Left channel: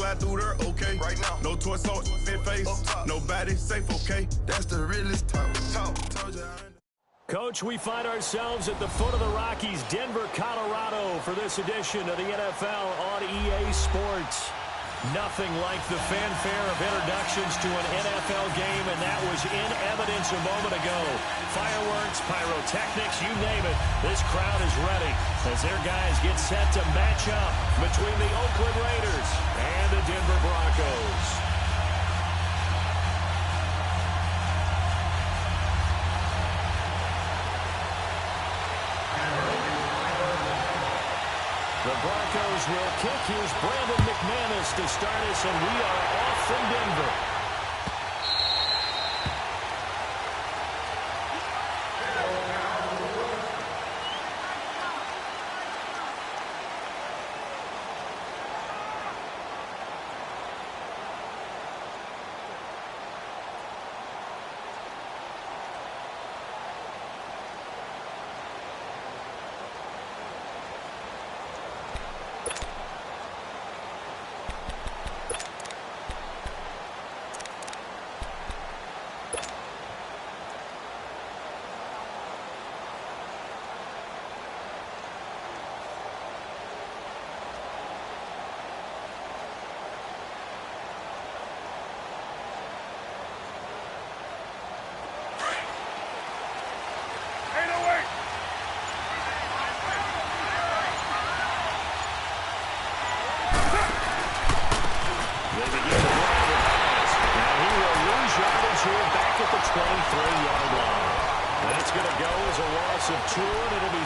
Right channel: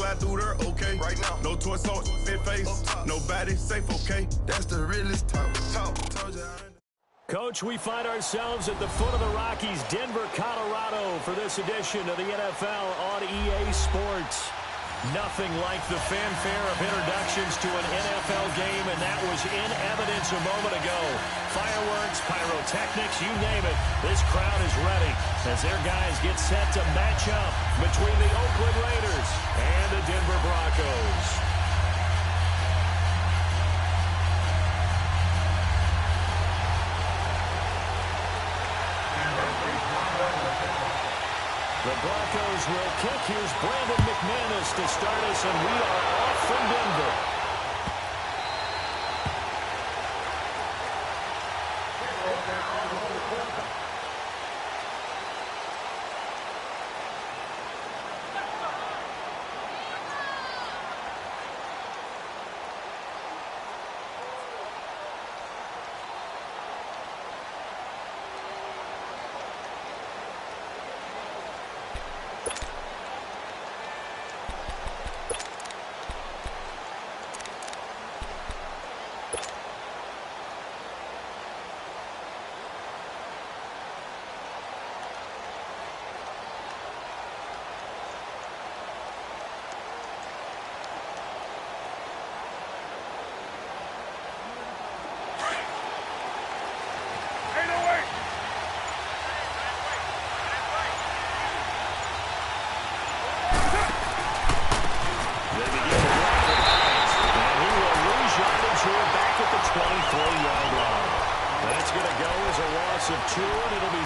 slide through there, okay. Right now, no torso, fit face, nobody safe, okay. That's the realest talk. Told you Coach, we find ourselves at the foot of the Rockies, Denver, Colorado, for this edition of the NFL on EA Sports. Nothing like the fanfare of introductions to an NFL game, and that was in evidence a moment ago. Fireworks, pyrotechnics, you name it, this crowd is ready as their guys get set to match up between the Oakland Raiders and the Denver Broncos. The Broncos will kick. Here's Brandon McManus to start us, and we are off from Denver.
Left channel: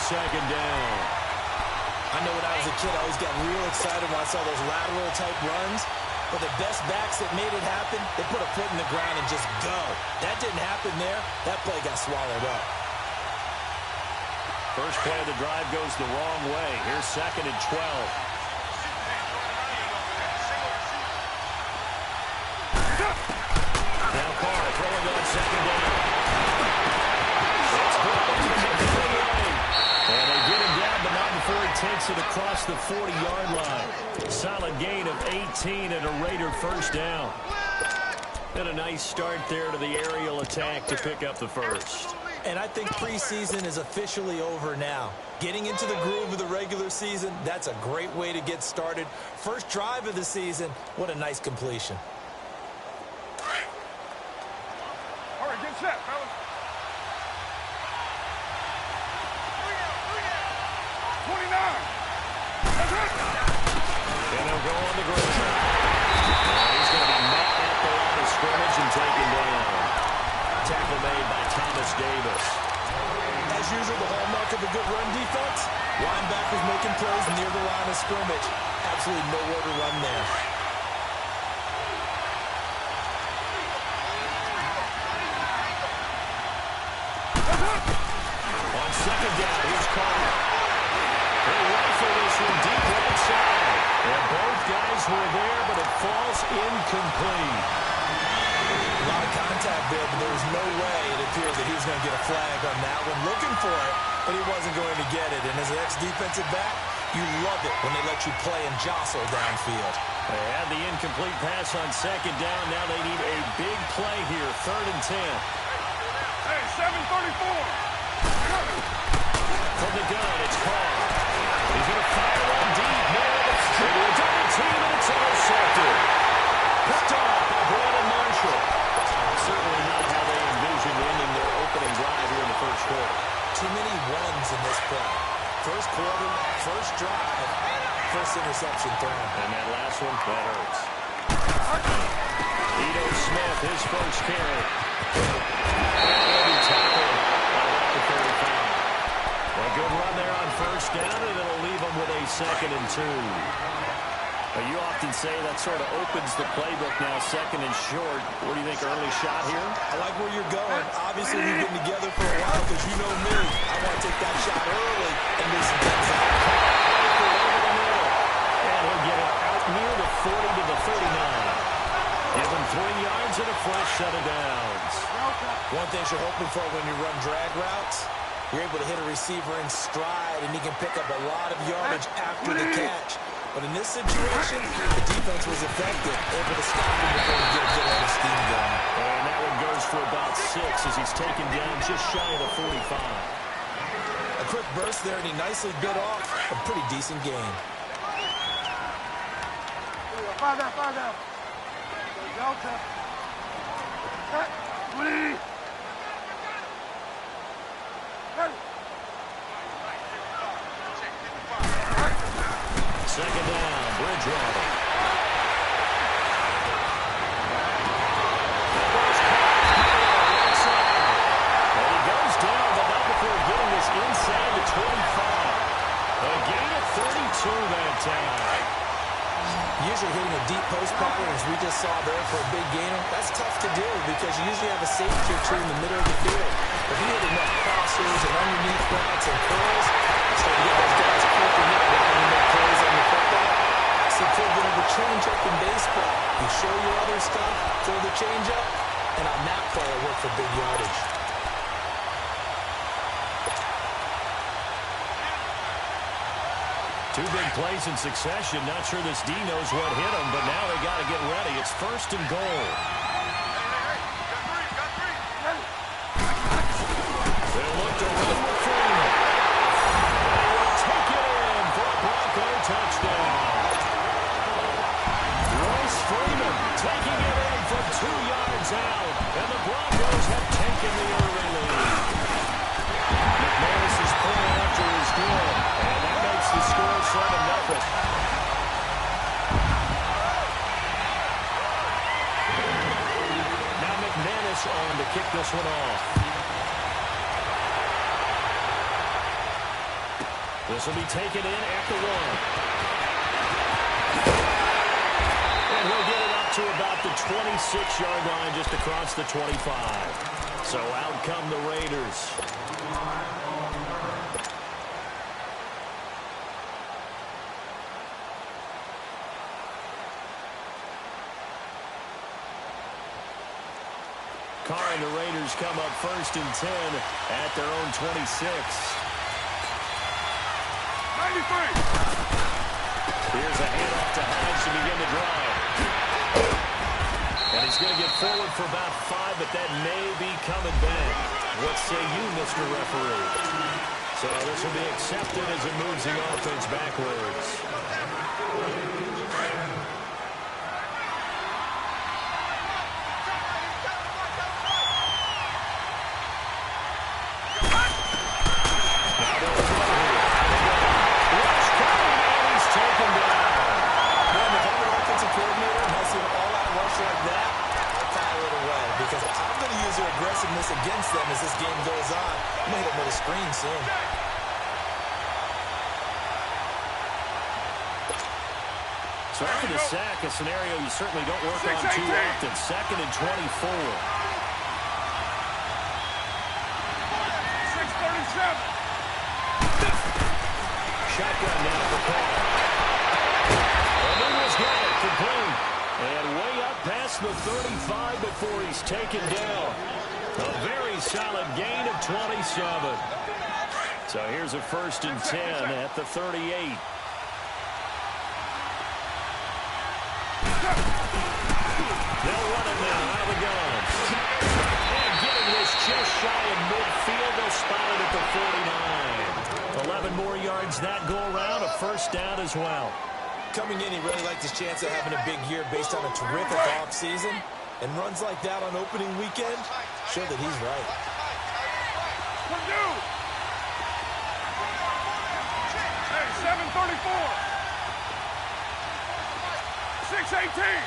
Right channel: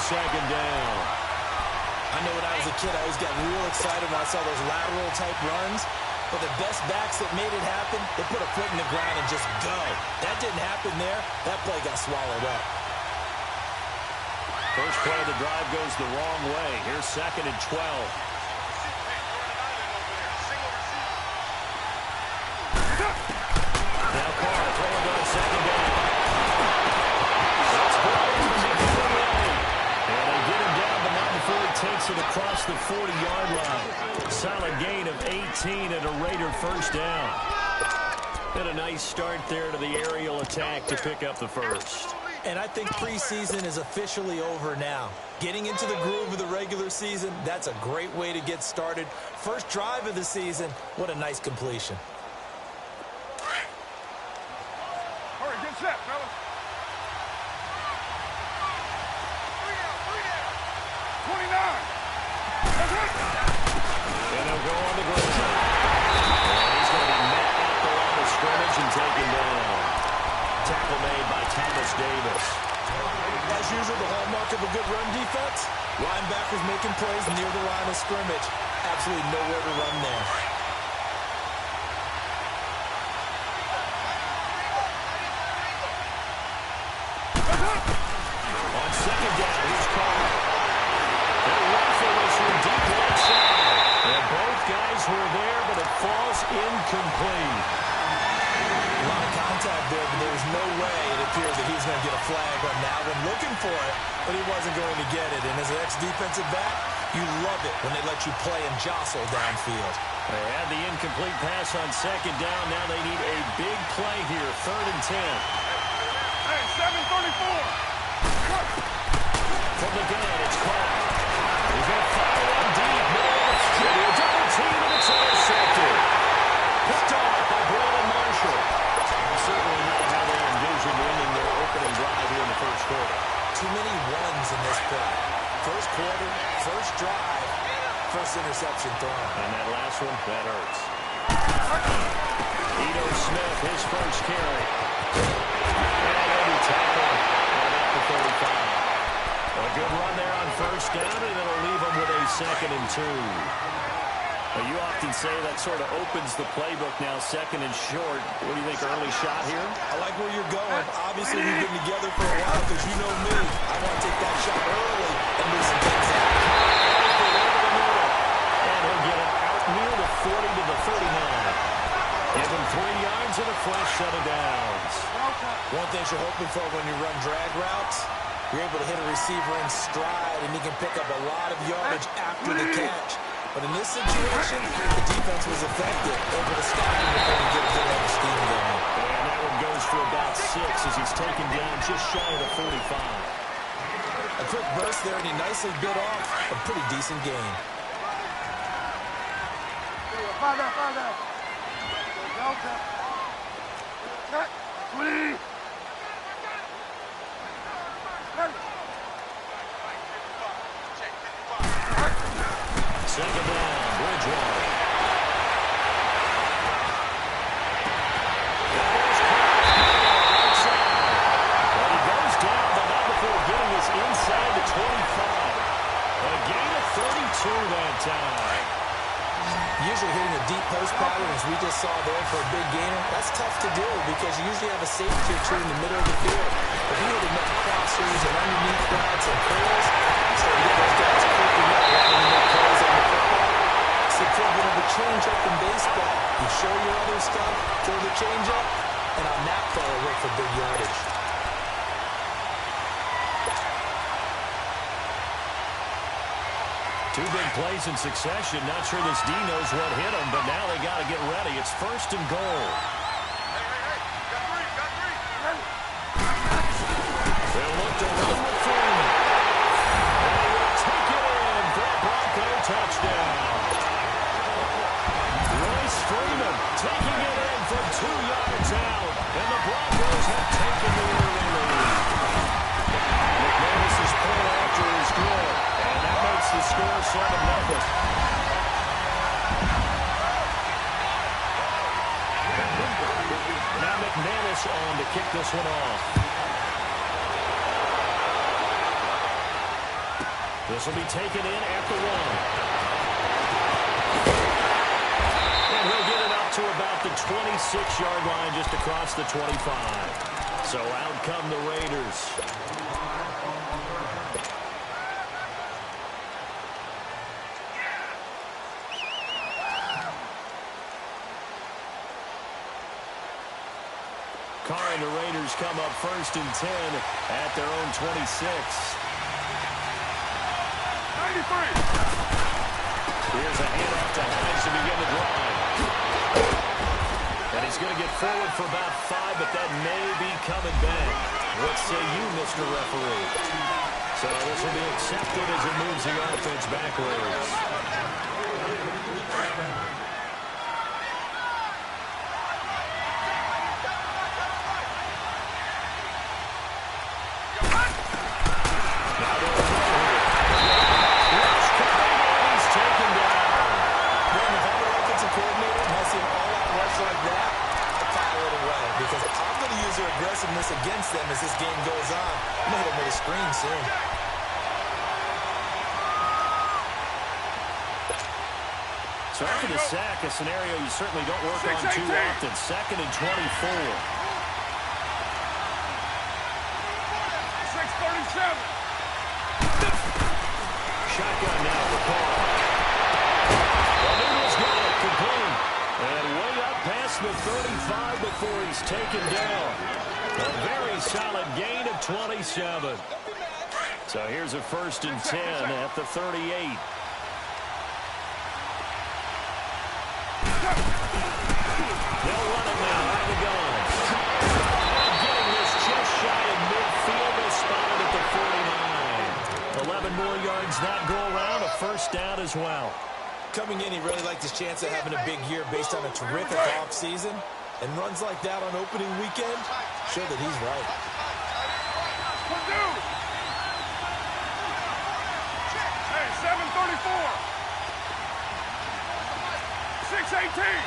Second down. I know when I was a kid, I always got real excited when I saw those lateral type runs. But the best backs that made it happen, they put a foot in the ground and just go. That didn't happen there. That play got swallowed up. First play of the drive goes the wrong way. Here's 2nd and 12. Now Carr throwing on 2nd down. It's brought in to make it away. And they get him down, but not before he takes it across the 40-yard line. Solid gain of 18 and a Raider first down. And a nice start there to the aerial attack to pick up the first. And I think preseason is officially over now. Getting into the groove of the regular season, that's a great way to get started. First drive of the season, what a nice completion. All right, get set, fellas. 29. And he'll go on the ground. And he's going to be met at the line of scrimmage and taken down. Tackle made by Thomas Davis. As usual, the hallmark of a good run defense, linebackers making plays near the line of scrimmage. Absolutely nowhere to run there. On 2nd down, here's Carr. He'll rifle this from deep right side. And both guys were there, but it falls incomplete. A lot of contact there, but there was no way it appeared that he was going to get a flag on that one. Looking for it, but he wasn't going to get it. And as an ex-defensive back, you love it when they let you play and jostle downfield. They had the incomplete pass on 2nd down. Now they need a big play here, 3rd and 10. Hey, 7:34. From the gun, it's Carr. He's going to fire one deep. Middle of the street. A double team, and it's intercepted. Picked off by Brandon Marshall. Certainly not how they envisioned ending their opening drive here in the first quarter. Too many ones in this play. First quarter, first drive, first interception thrown. And that last one, that hurts. Ito Smith, his first carry. And every tackle about the 35. A good run there on first down, and it'll leave them with a 2nd and 2. You often say that sort of opens the playbook now, 2nd and short. What do you think, early shot here? I like where you're going. Obviously, we've been together for a while because you know me. I want to take that shot early and move some things out. Rifle over the middle. And he'll get it out near the 40 to the 39. Give him 3 yards and a fresh set of downs. One thing you're hoping for when you run drag routes, you're able to hit a receiver in stride, and he can pick up a lot of yardage after the catch. But in this situation, the defense was effective, able to stop him before he get a good head of steam going. And that one goes for about 6 as he's taken down just shy of the 45. A quick burst there, and he nicely bit off a pretty decent gain. Father. Delta. Cut. Please. Second down, Bridgewater. The ball's caught right side. And he goes down, but not before getting this inside the 25. A gain of 32 that time. Usually hitting a deep post pattern, as we just saw there for a big gainer, that's tough to do because you usually have a safety or two in the middle of the field. If you hit enough crossers and underneath routes and curls, you start to get those guys creeping up, wanting to make plays on the football. It's the equivalent of a change-up in baseball. You show your other stuff, throw the change-up, and on that play, it worked for big yardage. Two big plays in succession. Not sure this D knows what hit him, but now they got to get ready. It's first and goal. Hey. Got three. They'll look to run with Freeman. And he will take it in for a Bronco touchdown. Royce Freeman taking it in from 2 yards out. And the Broncos have taken the early lead. McManus's point after is good. And that makes the score 7-0. Now McManus on to kick this one off. This will be taken in at the 1. And he'll get it up to about the 26-yard line just across the 25. So out come the Raiders. Carr and the Raiders come up first and 10 at their own 26. 93. Here's a handoff to Hines to begin the drive. And he's going to get forward for about 5, but that may be coming back. What say you, Mr. Referee? So this will be accepted as it moves the offense backwards. Like that, I file it away because I'm going to use their aggressiveness against them as this game goes on. I'm going to hit them with a screen soon. So after the sack, a scenario you certainly don't work on too often. 2nd and 24. 6:37. Shotgun now for Carr. O'Neill's got it, complete. And way up past the 35 before he's taken down. A very solid gain of 27. So here's a 1st and 10 at the 38. They'll run it now out of the gun. And getting this just shy of midfield. They'll spot it at the 49. 11 more yards that go around. A 1st down as well. Coming in, he really liked his chance of having a big year based on a terrific offseason. And runs like that on opening weekend show that he's right. Hey, 7:34. 6:18.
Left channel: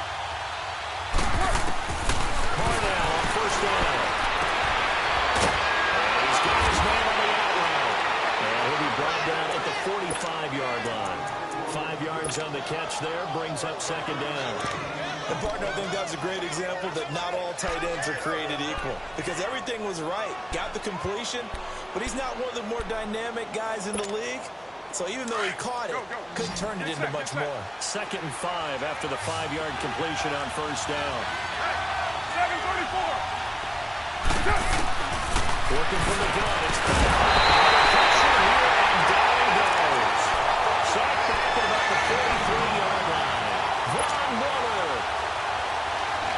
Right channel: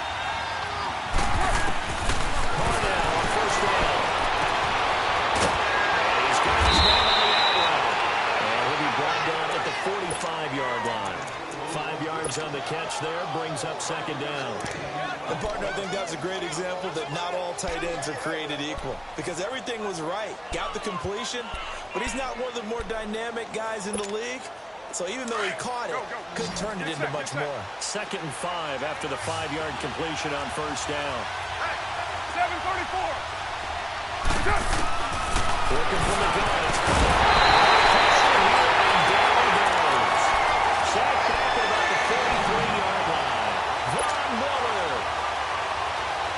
Carnell on 1st down. And he's got his man on the out route. And he'll be brought down at the 45-yard line. 5 yards on the catch there, brings up 2nd down. And partner, I think that's a great example that not all tight ends are created equal. Because everything was right. Got the completion, but he's not one of the more dynamic guys in the league. So even though he caught it, couldn't turn it into much more. 2nd and 5 after the 5-yard completion on 1st down. 7:34. Working from the gun. It's pressure here, and down he goes. Sacked back at about the 43-yard line. Von Miller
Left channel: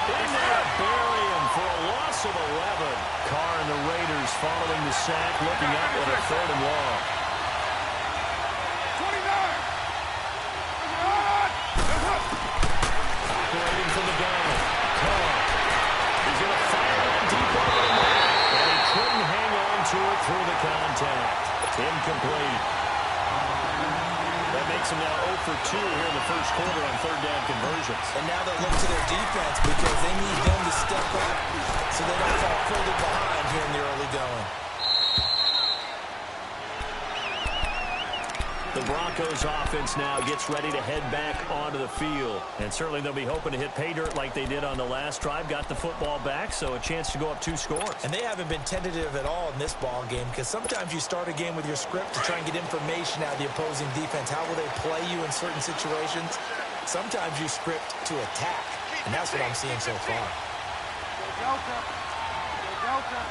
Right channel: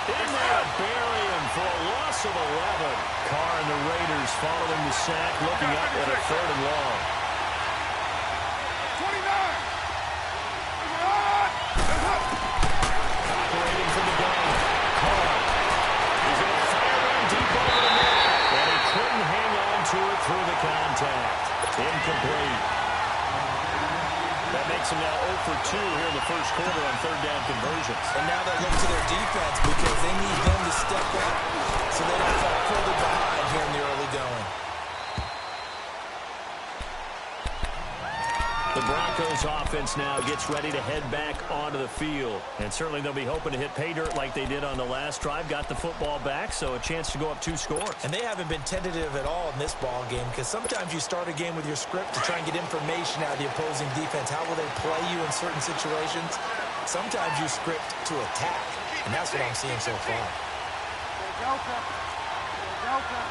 in there to bury him for a loss of 11. Carr and the Raiders following the sack, looking up at a 3rd and long. 29. Operating from the gun. Carr. He's going to fire one deep over the middle. And he couldn't hang on to it through the contact. Incomplete. That makes him now 0 for 2 here in the first quarter on 3rd down conversions. And now they look to their defense because they need them to step up so they don't fall further behind here in the early going. The Broncos offense now gets ready to head back onto the field. And certainly they'll be hoping to hit pay dirt like they did on the last drive. Got the football back, so a chance to go up 2 scores. And they haven't been tentative at all in this ball game because sometimes you start a game with your script to try and get information out of the opposing defense. How will they play you in certain situations? Sometimes you script to attack, and that's what I'm seeing so far. Delta. Delta.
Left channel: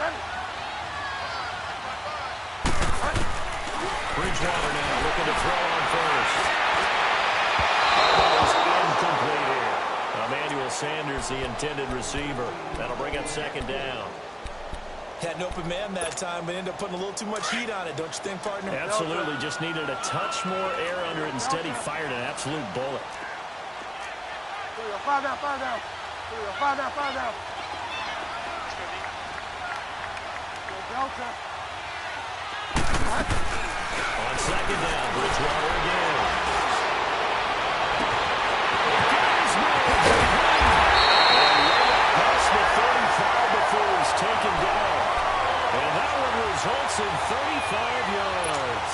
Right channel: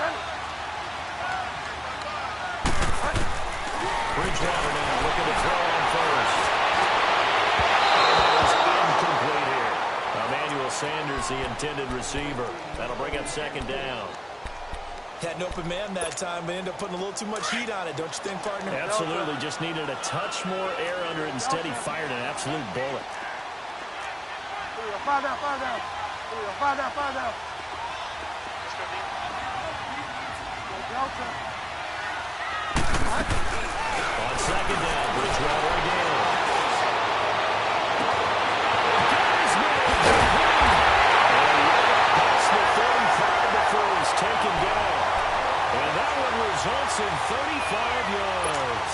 Ready. Bridgewater now looking to throw on first. And that is incomplete here. Emmanuel Sanders, the intended receiver. That'll bring up 2nd down. Had an open man that time, but ended up putting a little too much heat on it, don't you think, partner? Absolutely. Just needed a touch more air under it. Instead, he fired an absolute bullet. 5 down, 5 down. 5 down, 5 down. Delta. On 2nd down, Bridgewater again. And right up past the 35 before he's taken down. And that one results in 35 yards.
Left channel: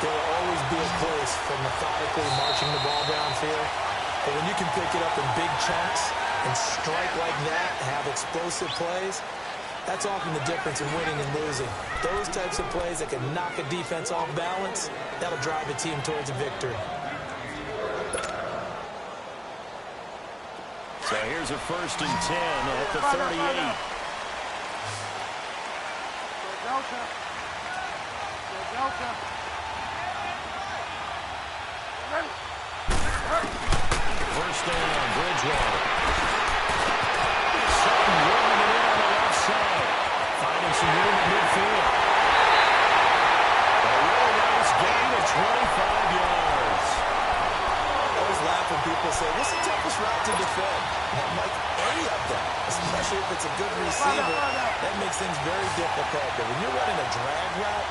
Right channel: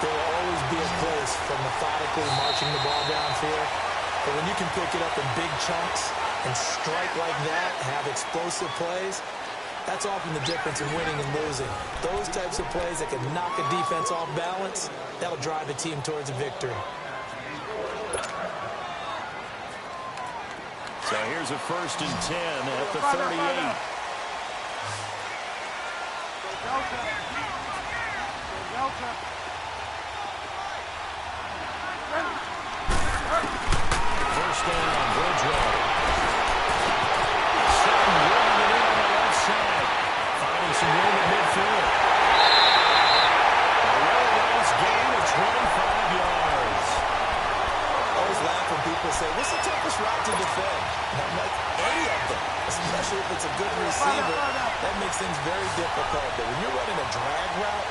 There will always be a place for methodically marching the ball downfield. But when you can pick it up in big chunks and strike like that, have explosive plays, that's often the difference in winning and losing. Those types of plays that can knock a defense off balance, that'll drive a team towards a victory. So here's a 1st and 10 at the 38. Delta. Delta. Ready. 1st down, Bridgewater. Sutton rolling it in on the left side. Finding some room at midfield. A really nice gain of 25 yards. I always laugh when people say, what's the toughest route to defend? And I'm like, any of them, especially if it's a good receiver. That makes things very difficult. But when you're running a drag route,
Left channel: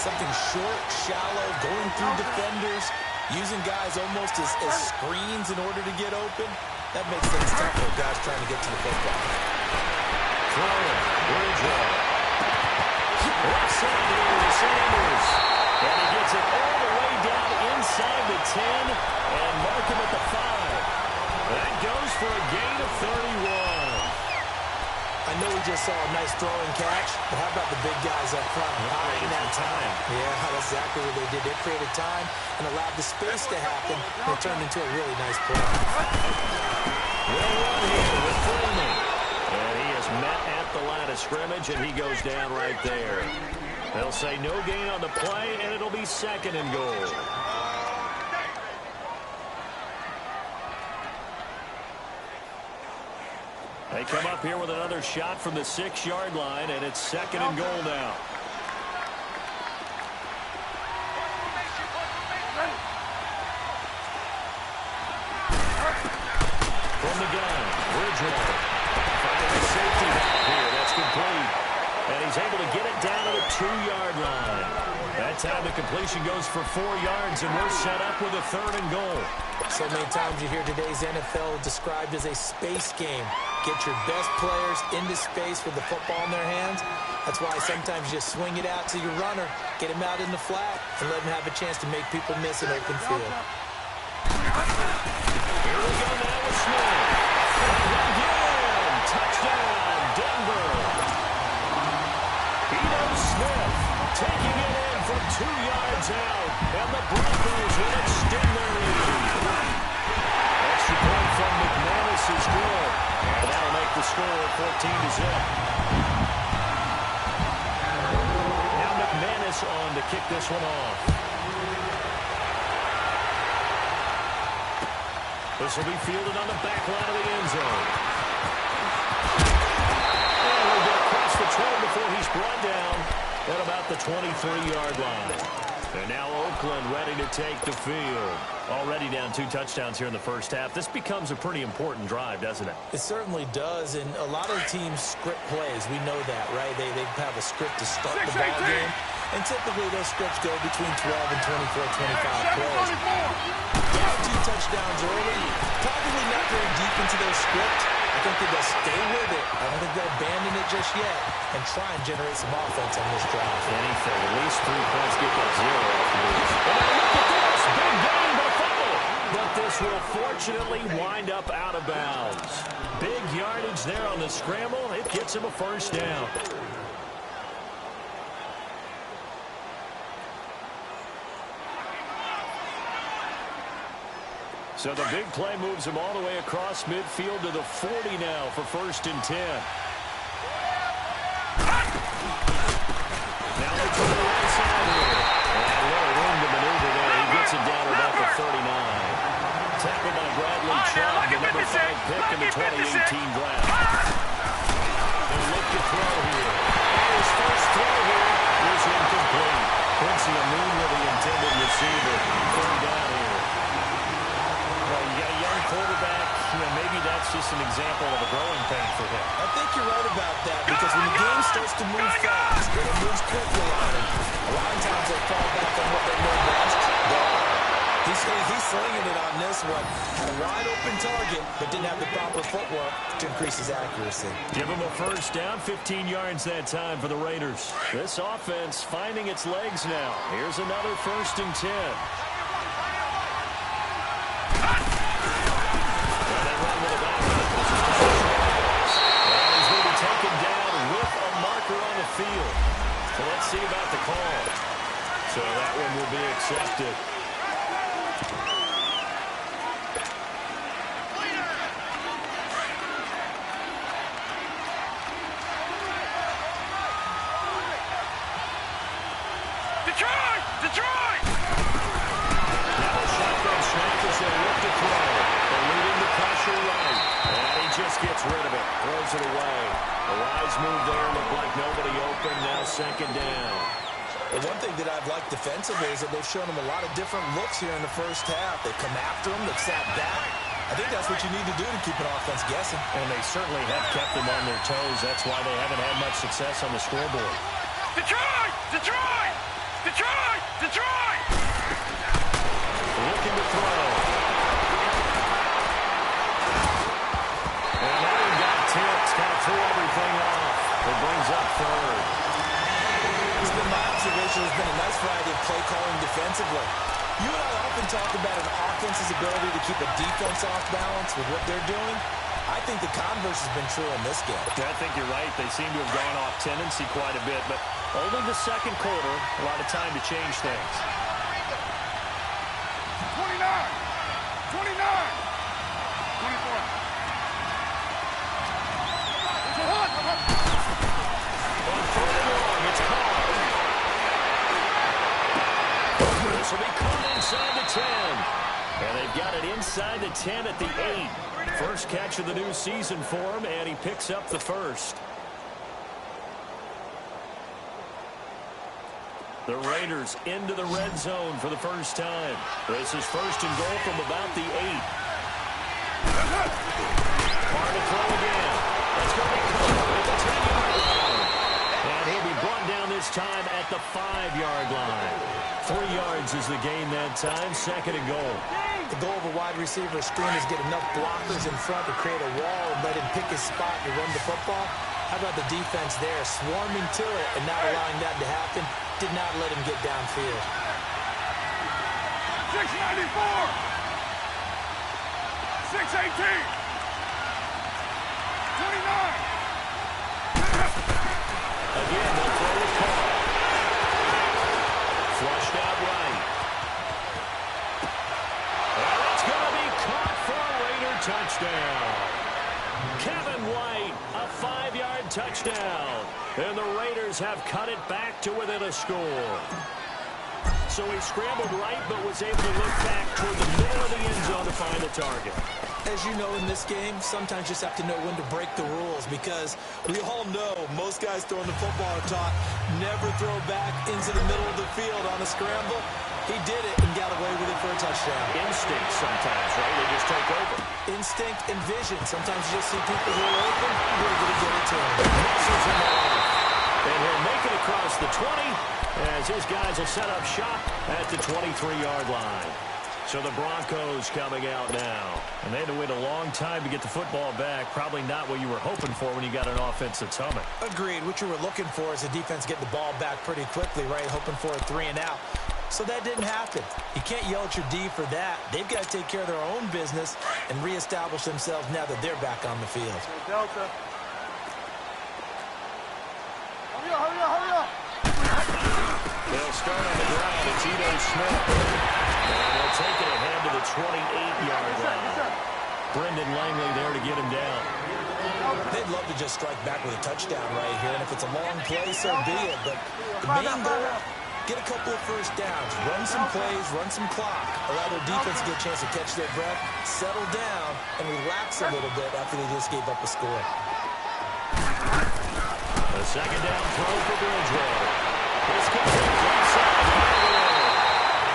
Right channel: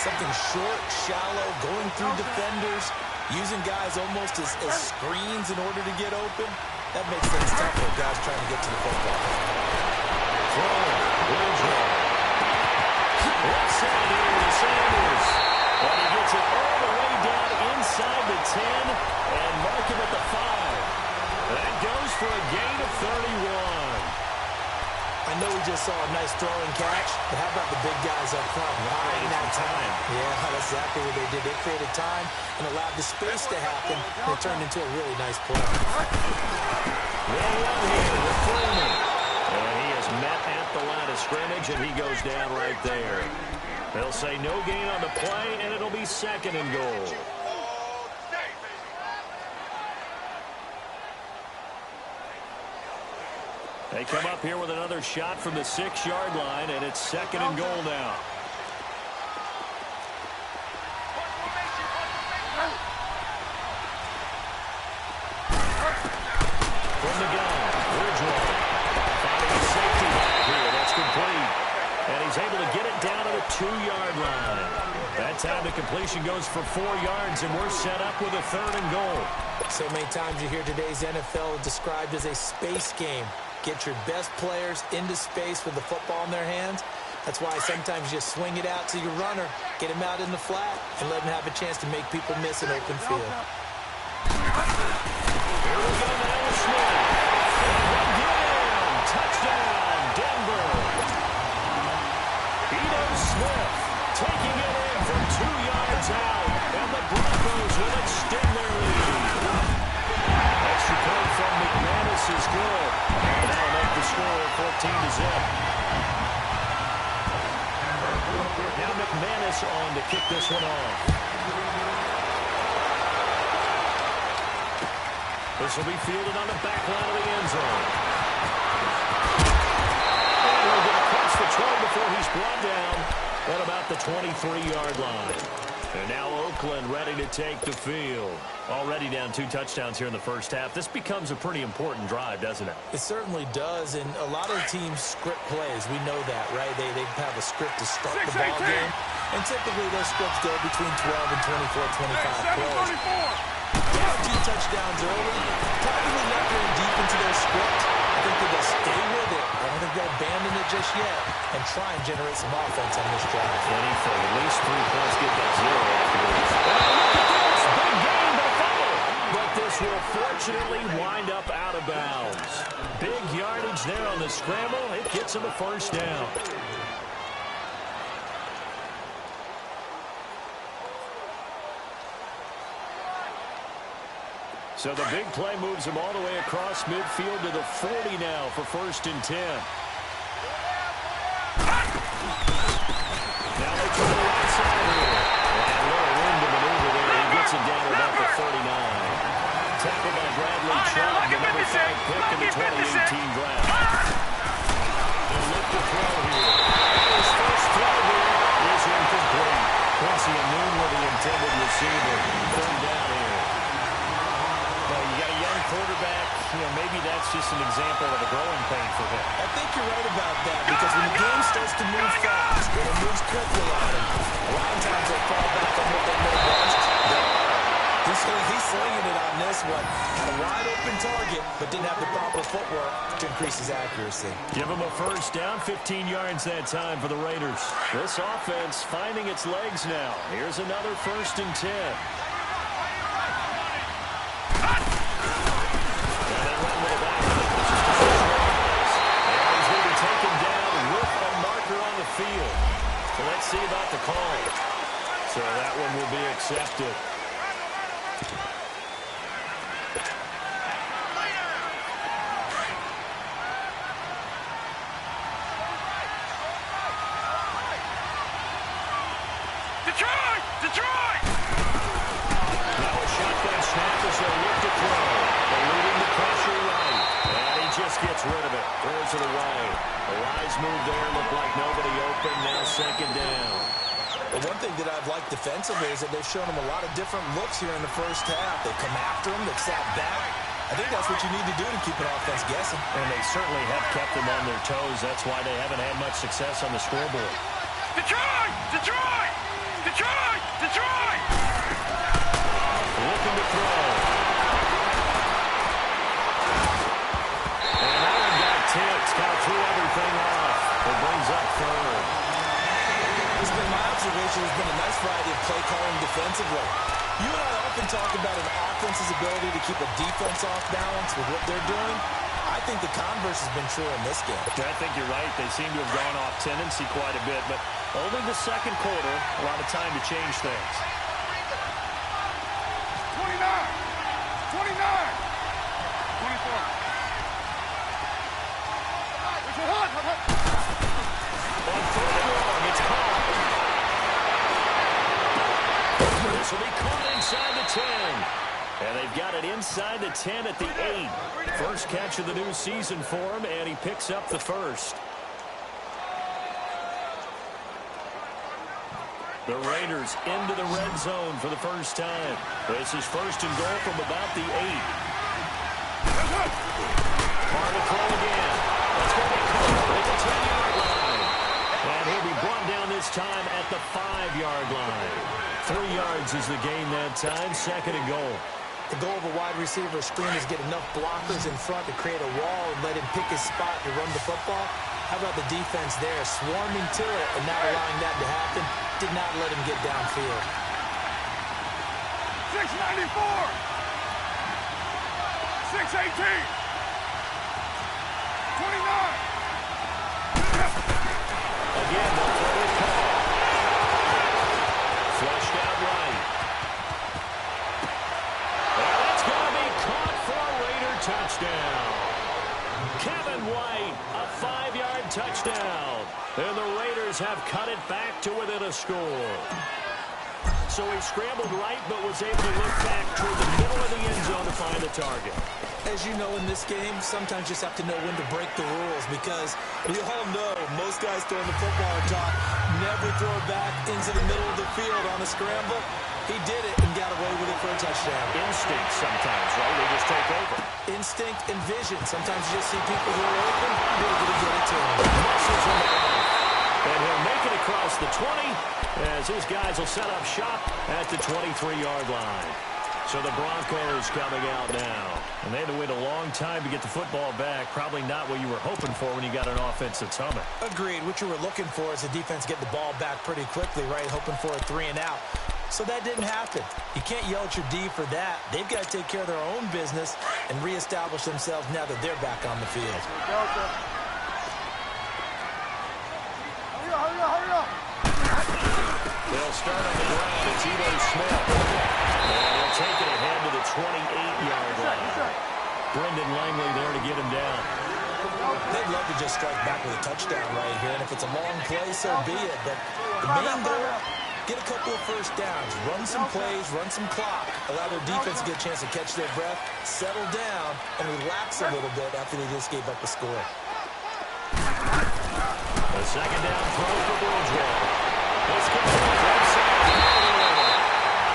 something short, shallow, going through defenders, using guys almost as screens in order to get open, that makes things tough for guys trying to get to the football. Throwing, Bridgewater. Left side here to Sanders. And he gets it all the way down inside the 10 and mark him at the 5. That goes for a gain of 31. I know we just saw a nice throwing catch, but how about the big guys up front buying that time? Yeah, that's exactly what they did. They created time and allowed the space to happen, and it turned into a really nice play. They'll run here with Freeman. And he is met at the line of scrimmage, and he goes down right there. They'll say no gain on the play, and it'll be 2nd and goal. They come up here with another shot from the 6-yard line, and it's 2nd and goal now. From the gun, Bridgewater finding a safety valve here. That's complete. And he's able to get it down to the 2-yard line. That time the completion goes for 4 yards, and we're set up with a 3rd and goal. So many times you hear today's NFL described as a space game. Get your best players into space with the football in their hands. That's why sometimes you just swing it out to your runner, get him out in the flat, and let him have a chance to make people miss an open field. Here we go now with Smith. And again, touchdown, Denver. Ito Smith taking it in from 2 yards out, and the Broncos will extend their lead. Extra point from McManus is good, and that'll make the score 14-0. Now McManus on to kick this one off. This will be fielded on the back line of the end zone. And he'll get across the 20 before he's brought down at about the 23-yard line. And now Oakland ready to take the field. Already down 2 touchdowns here in the first half. This becomes a pretty important drive, doesn't it? It certainly does, and a lot of teams script plays. We know that, right? They have a script to start the ball game, and typically those scripts go between 12 and 24, 25 plays. Down 2 touchdowns early, probably not very deep into their script. I think that they'll stay with it. I don't think they'll abandon it just yet and try and generate some offense on this drive. Anything, at least 3 points, get that 0 afterwards. And now look at this, big gain, but a fumble. But this will fortunately wind up out of bounds. Big yardage there on the scramble. It gets him a first down. So the big play moves him all the way across midfield to the 40 now for 1st and 10. Now they try the right side here. And a little room to maneuver there. He gets it down to about the 39. Tackled by Bradley Chubb, the number 5 pick in the 2018 draft. They'll look to throw here. And his first throw here is incomplete. Quincy Amoon with the intended receiver. 3rd down here. Well, you got a young quarterback. Maybe that's just an example of a growing pain for him. I think you're right about that because when the game starts to move fast and it moves quickly on him, a lot of times they fall back on what they know best. He's slinging it on this one. Had a wide open target, but didn't have the proper footwork to increase his accuracy. Give him a first down, 15 yards that time for the Raiders. This offense finding its legs now. Here's another 1st and 10. Field. So let's see about the call. So that one will be accepted. Detroit! Now a shotgun snap as they look to throw. Eluding the pressure right. And he just gets rid of it. Throws it away. A rise move there. Looked like nobody open. Now 2nd down. And one thing that I've liked defensively is that they've shown him a lot of different looks here in the first half. They've come after him. They've sat back. I think that's what you need to do to keep an offense guessing. And they certainly have kept them on their toes. That's why they haven't had much success on the scoreboard. Detroit! Detroit! Detroit! Detroit! Looking to throw. And that one got tipped. Kind of threw everything off. It brings up 3rd. It's been my observation. There's been a nice variety of play calling defensively. You and I often talk about an offense's ability to keep a defense off balance with what they're doing. I think the converse has been true in this game. I think you're right. They seem to have gone off tendency quite a bit, but only the 2nd quarter, a lot of time to change things. 29, 24. On 3rd and long, it's caught. This will be caught inside the 10. And they've got it inside the 10 at the 8. First catch of the new season for him, and he picks up the 1st. The Raiders into the red zone for the first time. This is 1st and goal from about the 8. Hard to throw again. That's going to be caught at the 10-yard line. And he'll be brought down this time at the 5-yard line. 3 yards is the gain that time. 2nd and goal. The goal of a wide receiver screen is get enough blockers in front to create a wall and let him pick his spot to run the football. How about the defense there, swarming to it and not allowing that to happen? Did not let him get downfield. 694. 618. 29. Again, they'll throw the call. Flushed out right. Well, that's going to be caught for a Raider touchdown. Kevin White, a 5-yard touchdown. And the Raiders have cut it back to within a score. So he scrambled right, but was able to look back toward the middle of the end zone to find the target. As you know, in this game, sometimes you just have to know when to break the rules, because we all know most guys throwing the football are taught never throw back into the middle of the field on a scramble. He did it and got away with it for a touchdown. Instinct sometimes, right? They just take over. Instinct and vision. Sometimes you just see people who are open, you're able to get it to him. Muscles him off. And he'll make it across the 20 as his guys will set up shop at the 23-yard line. So the Broncos coming out now. And they had to wait a long time to get the football back. Probably not what you were hoping for when you got an offense that's humming. Agreed. What you were looking for is the defense getting the ball back pretty quickly, right? Hoping for a 3-and-out. So that didn't happen. You can't yell at your D for that. They've got to take care of their own business and reestablish themselves now that they're back on the field. Delta. Hurry up, hurry up. They'll start on the ground. It's Ito Smith. And he'll take it ahead to the 28-yard line. Brendan Langley there to get him down. They'd love to just strike back with a touchdown right here. And if it's a long play, so be it. But the main goal, get a couple of first downs. Run some plays, run some clock. Allow their defense to get a chance to catch their breath, settle down, and relax a little bit after they just gave up a score. A second down throw for Bridgewater. This comes right side.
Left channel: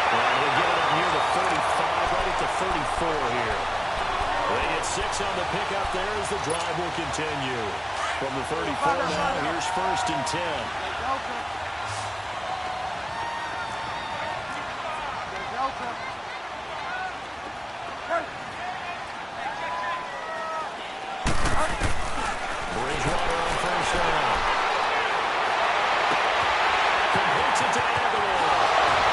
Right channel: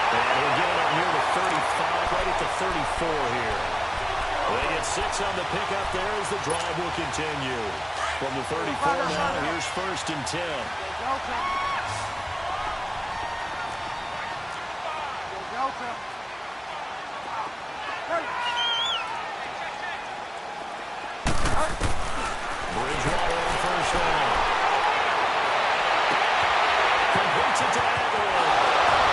And he'll get it up near the 35, right at the 34 here. They get 6 on the pickup there as the drive will continue. From the 34 now, here's 1st and 10. Delta. Bridgewater on 1st down. Completes it to Aguilar.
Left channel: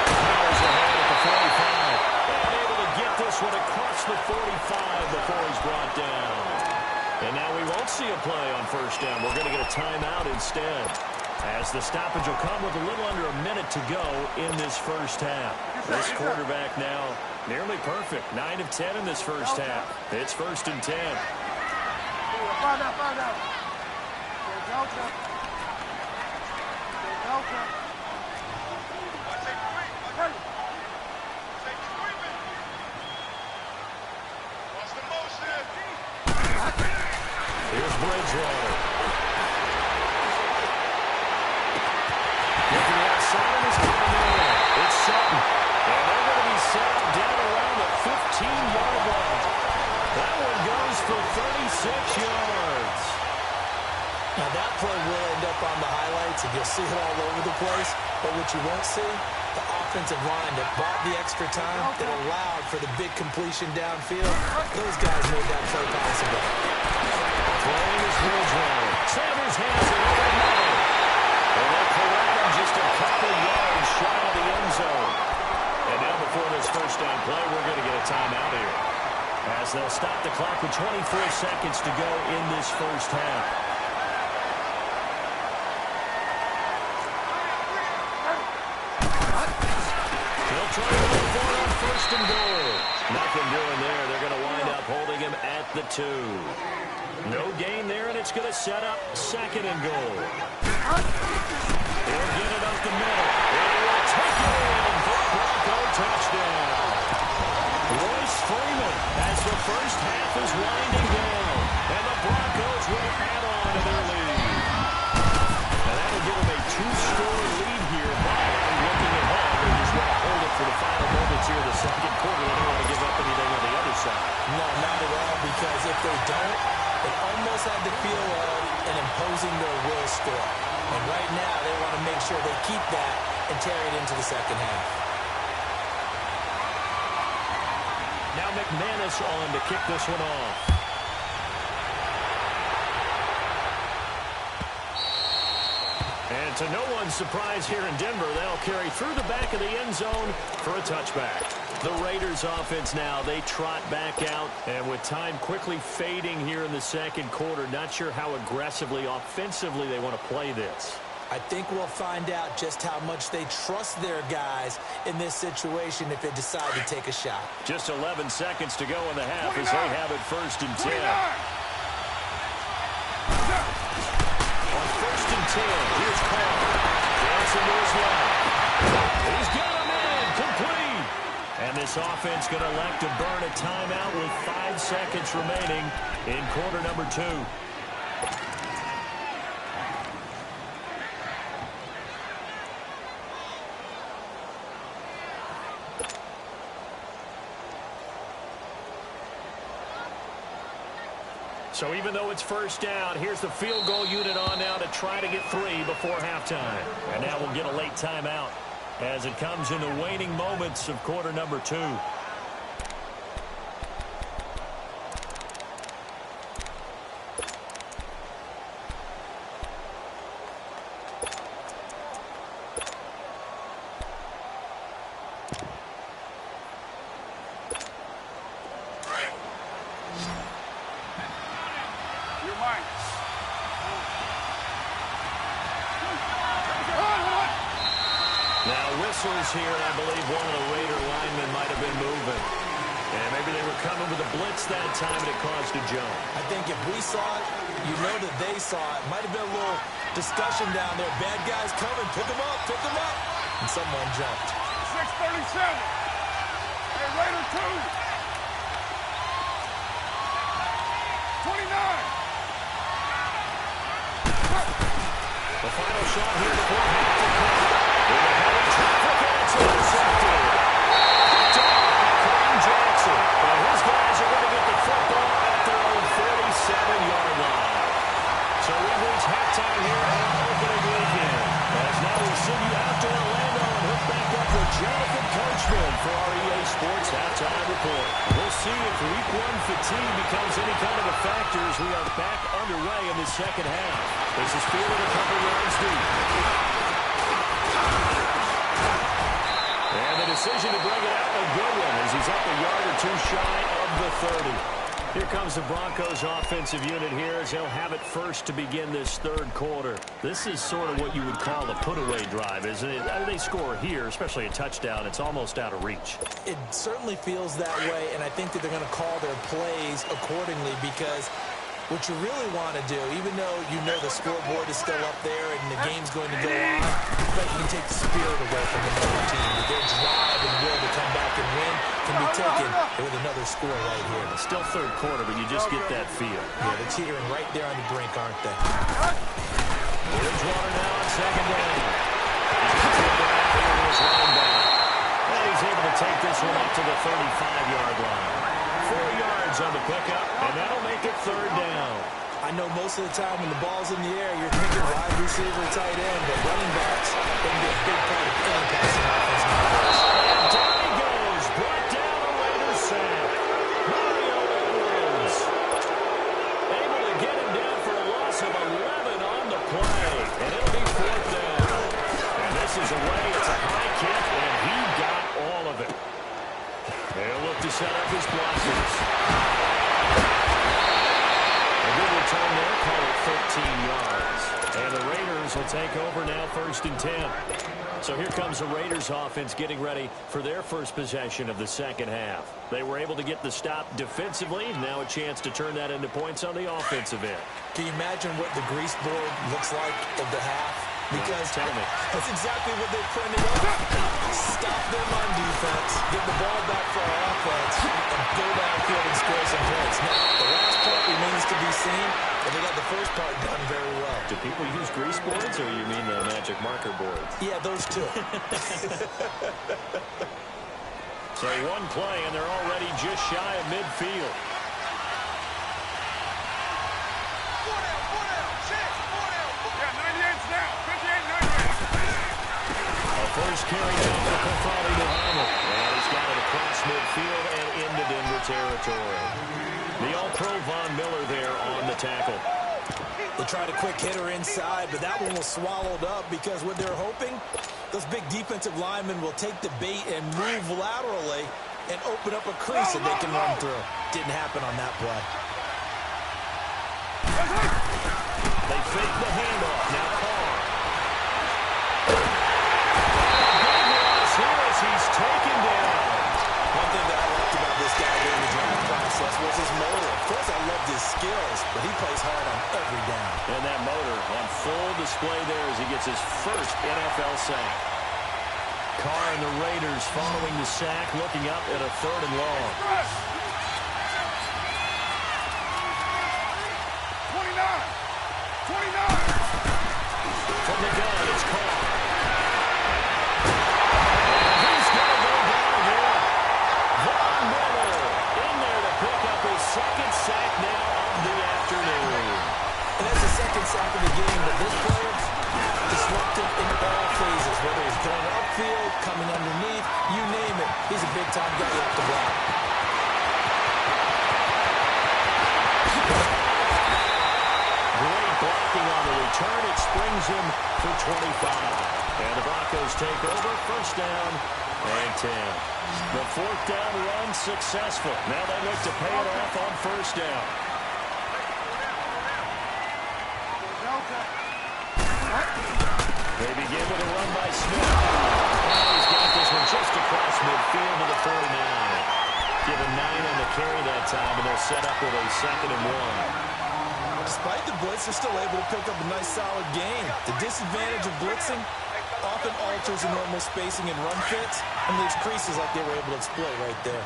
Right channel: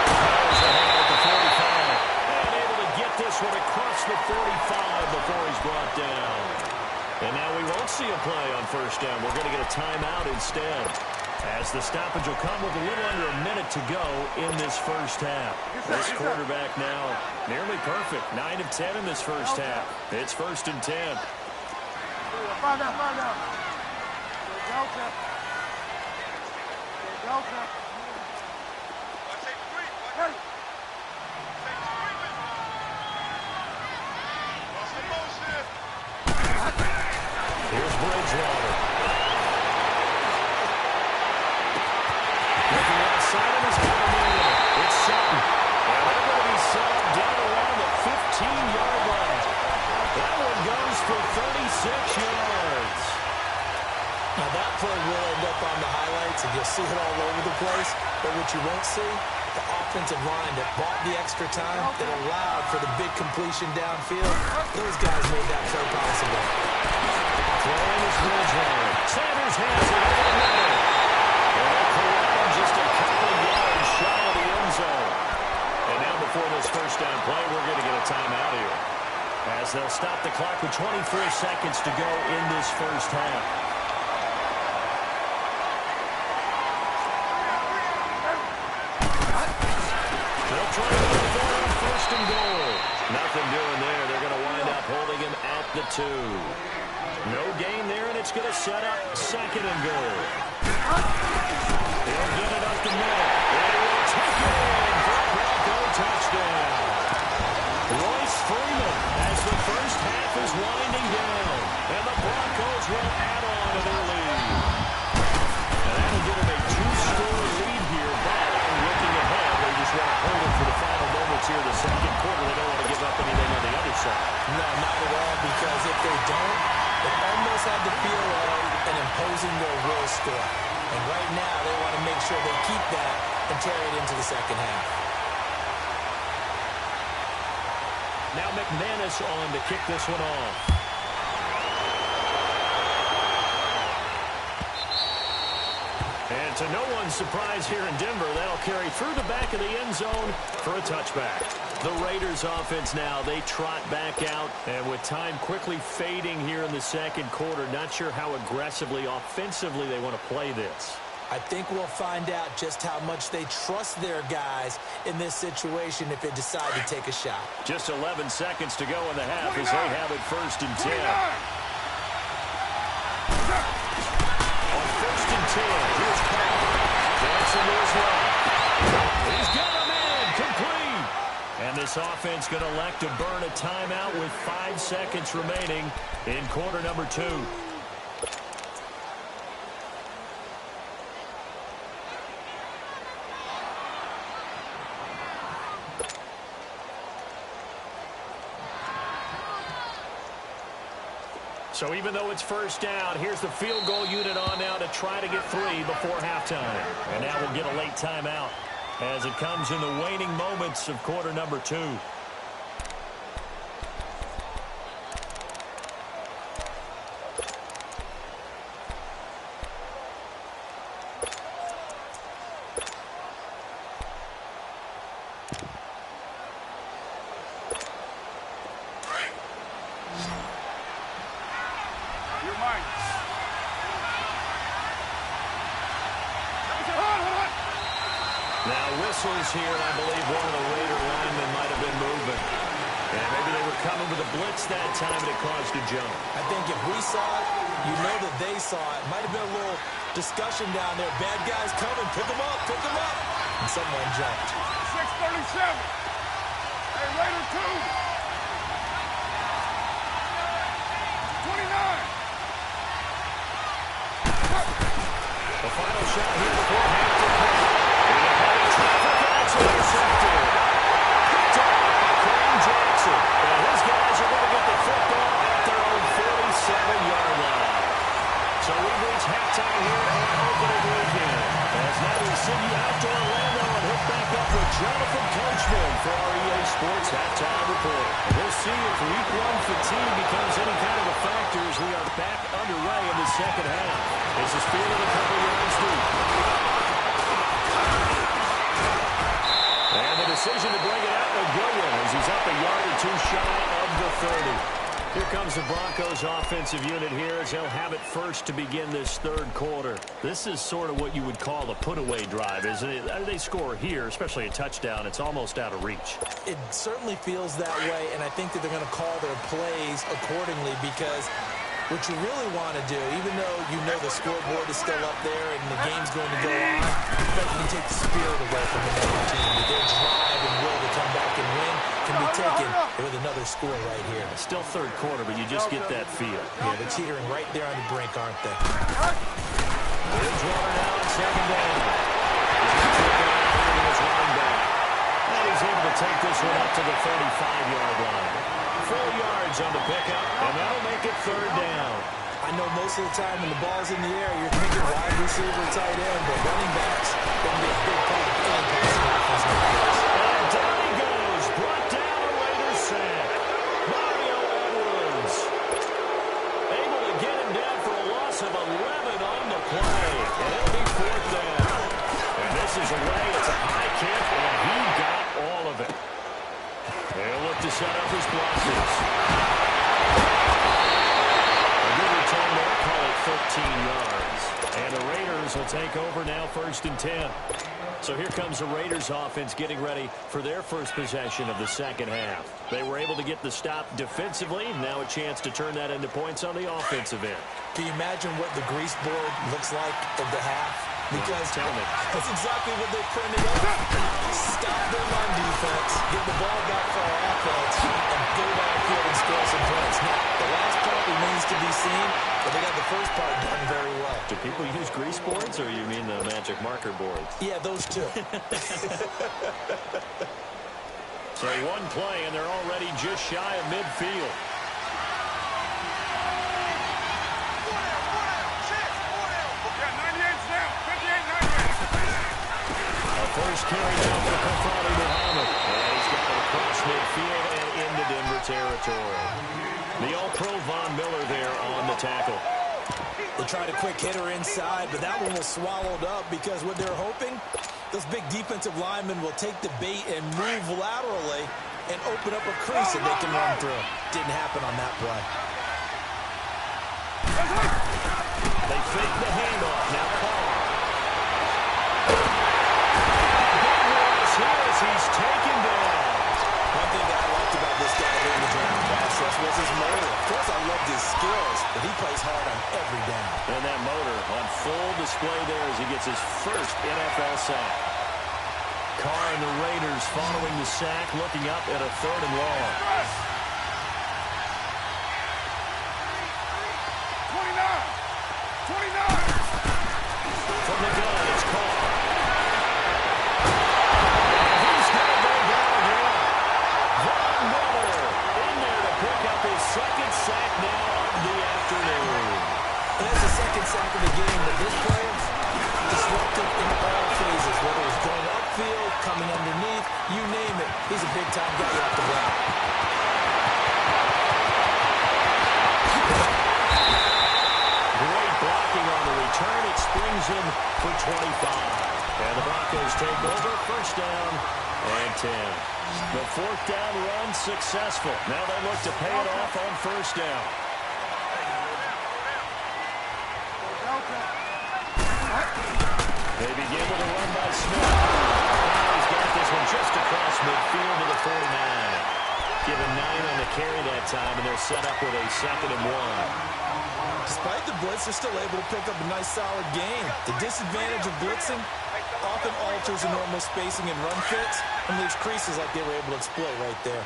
Powers ahead at the 45. And able to get this one across the 45 before he's brought down. And now we won't see a play on 1st down. We're going to get a timeout instead, as the stoppage will come with a little under a minute to go in this first half. This quarterback now nearly perfect. 9 of 10 in this first half. It's 1st and 10. Find out. Delta. Delta. Here's Bridgewater. Looking outside of his cover. It's Sutton. And they're going to be set up down around the 15-yard line. That one goes for 36 yards. Now that play will end up on the highlights, and you'll see it all over the place. But what you won't see, the offensive line that bought the extra time, that allowed for the big completion downfield, those guys made that play possible. Throwing is Bridgewater. Sanders has it over the middle. And they'll corral him just a couple yards shy of the end zone. And now before this first down play, we're going to get a timeout here, as they'll stop the clock with 24 seconds to go in this first half. They'll try to go for it on 1st and goal. Nothing doing there. They're going to wind up holding him at the 2. No gain there, and it's going to set up 2nd and goal. He'll get it up the middle. And he will take it in for a Bronco touchdown. Royce Freeman as the first half is winding down. And the Broncos will add on to their lead. And that'll give them a 2-score lead here, but I'm looking ahead. They just want to hold it for the final moments here in the second quarter. They don't want to give up anything on the other side. No, not at all, because if they don't, it almost had the feel of an imposing their will score. And right now, they want to make sure they keep that and carry it into the second half. Now McManus on to kick this one off. And to no one's surprise here in Denver, that'll carry through the back of the end zone for a touchback. The Raiders offense now, they trot back out, and with time quickly fading here in the second quarter, not sure how aggressively, offensively they want to play this. I think we'll find out just how much they trust their guys in this situation if they decide to take a shot. Just 11 seconds to go in the half as they have it 1st and 10. 10. Here's Carr. Dancing to his left. He's got a man. Complete. And this offense going to elect to burn a timeout with 5 seconds remaining in quarter number 2. So even though it's first down, here's the field goal unit on now to try to get 3 before halftime. And now we'll get a late timeout as it comes in the waning moments of quarter number 2. Here, and I believe one of the Raider linemen might have been moving. And maybe they were coming with a blitz that time, and it caused a jump. I think if we saw it, you know that they saw it. Might have been a little discussion down there. Bad guys coming. Pick them up. Pick them up. And someone jumped. 6:37. Hey, Raider 2. 29. The final shot here before half to play. In the heavy traffic, and it's intercepted. Picked off by Kareem Jackson. And his guys are going to get the football at their own 47-yard line. So we've reached halftime here on opening weekend. As now we send you out to Orlando and hook back up with Jonathan Coachman for our EA Sports Halftime Report. We'll see if Week 1 fatigue becomes any kind of a factor as we are back underway in the second half. This is fielded a couple yards deep. And the decision to bring it out, a good one, as he's up a yard or 2 shy of the 30. Here comes the Broncos offensive unit here as they'll have it first to begin this third quarter. This is sort of what you would call a put-away drive, isn't it? They score here, especially a touchdown. It's almost out of reach. It certainly feels that way, and I think that they're going to call their plays accordingly because what you really want to do, even though you know the scoreboard is still up there and the game's going to go on, but you can take the spirit away from another team. Their drive and will to come back and win can be taken with another score right here. Still third quarter, but you just get that feel. Yeah, they're teetering right there on the brink, aren't they? Bridgewater now on second down. He's going to flip it out here to his running back. And he's able to take this one up to the 35-yard line. 4 yards on the pickup, and that'll make it third down. I know most of the time when the ball's in the air, you're thinking wide receiver, tight end, but running backs can be a big part of any passing offense nowadays. And down he goes, brought down a Raiders sack. Mario Edwards able to get him down for a loss of 11 on the play, and it'll be fourth down. And this is away. It's a high kick, and he got all of it. They'll look to set up his blocks. A good return there, call it 13 yards. And the Raiders will take over now, 1st and 10. So here comes the Raiders offense getting ready for their first possession of the second half. They were able to get the stop defensively. Now a chance to turn that into points on the offensive end. Can you imagine what the grease board looks like at the half? Because tell me. That's exactly what they printed up. Stop them on defense, get the ball back for our offense, and go downfield and score some points. Now, the last part remains to be seen, but they got the first part done very well. Do people use grease boards, or you mean the magic marker boards? Yeah, those two. So one play, and they're already just shy of midfield. First carry down for Kofali Muhammad. And he's got it across midfield and into Denver territory. The All-Pro Von Miller there on the tackle. They tried a quick hitter inside, but that one was swallowed up because what they're hoping, those big defensive linemen will take the bait and move laterally and open up a crease that they can run through. Didn't happen on that play. They fake the handoff. Now Carr. Here as he's taken down. One thing that I liked about this guy during the draft process was his motor. Of course, I loved his skills, but he plays hard on every down. And that motor on full display there as he gets his first NFL sack. Carr and the Raiders following the sack, looking up at a 3rd and long. 29. From the gun, it's Carr. And he's going to go down again. Von Miller in there to pick up his 2nd sack now of the afternoon. And that's the 2nd sack of the game, but this player, disruptive in all phases, whether he's going upfield, coming underneath, you name it. He's a big-time guy off the block. Great blocking on the return. It springs him for 25. And the Broncos take over. 1st down and 10. The 4th down run successful. Now they look to pay it off on 1st down. They begin with a run by Smith. And he's got this one just across midfield to the 49. Give him 9 on the carry that time, and they'll set up with a 2nd and 1. Despite the blitz, they're still able to pick up a nice, solid gain. The disadvantage of blitzing often alters the normal spacing and run fits and leaves creases like they were able to exploit right there.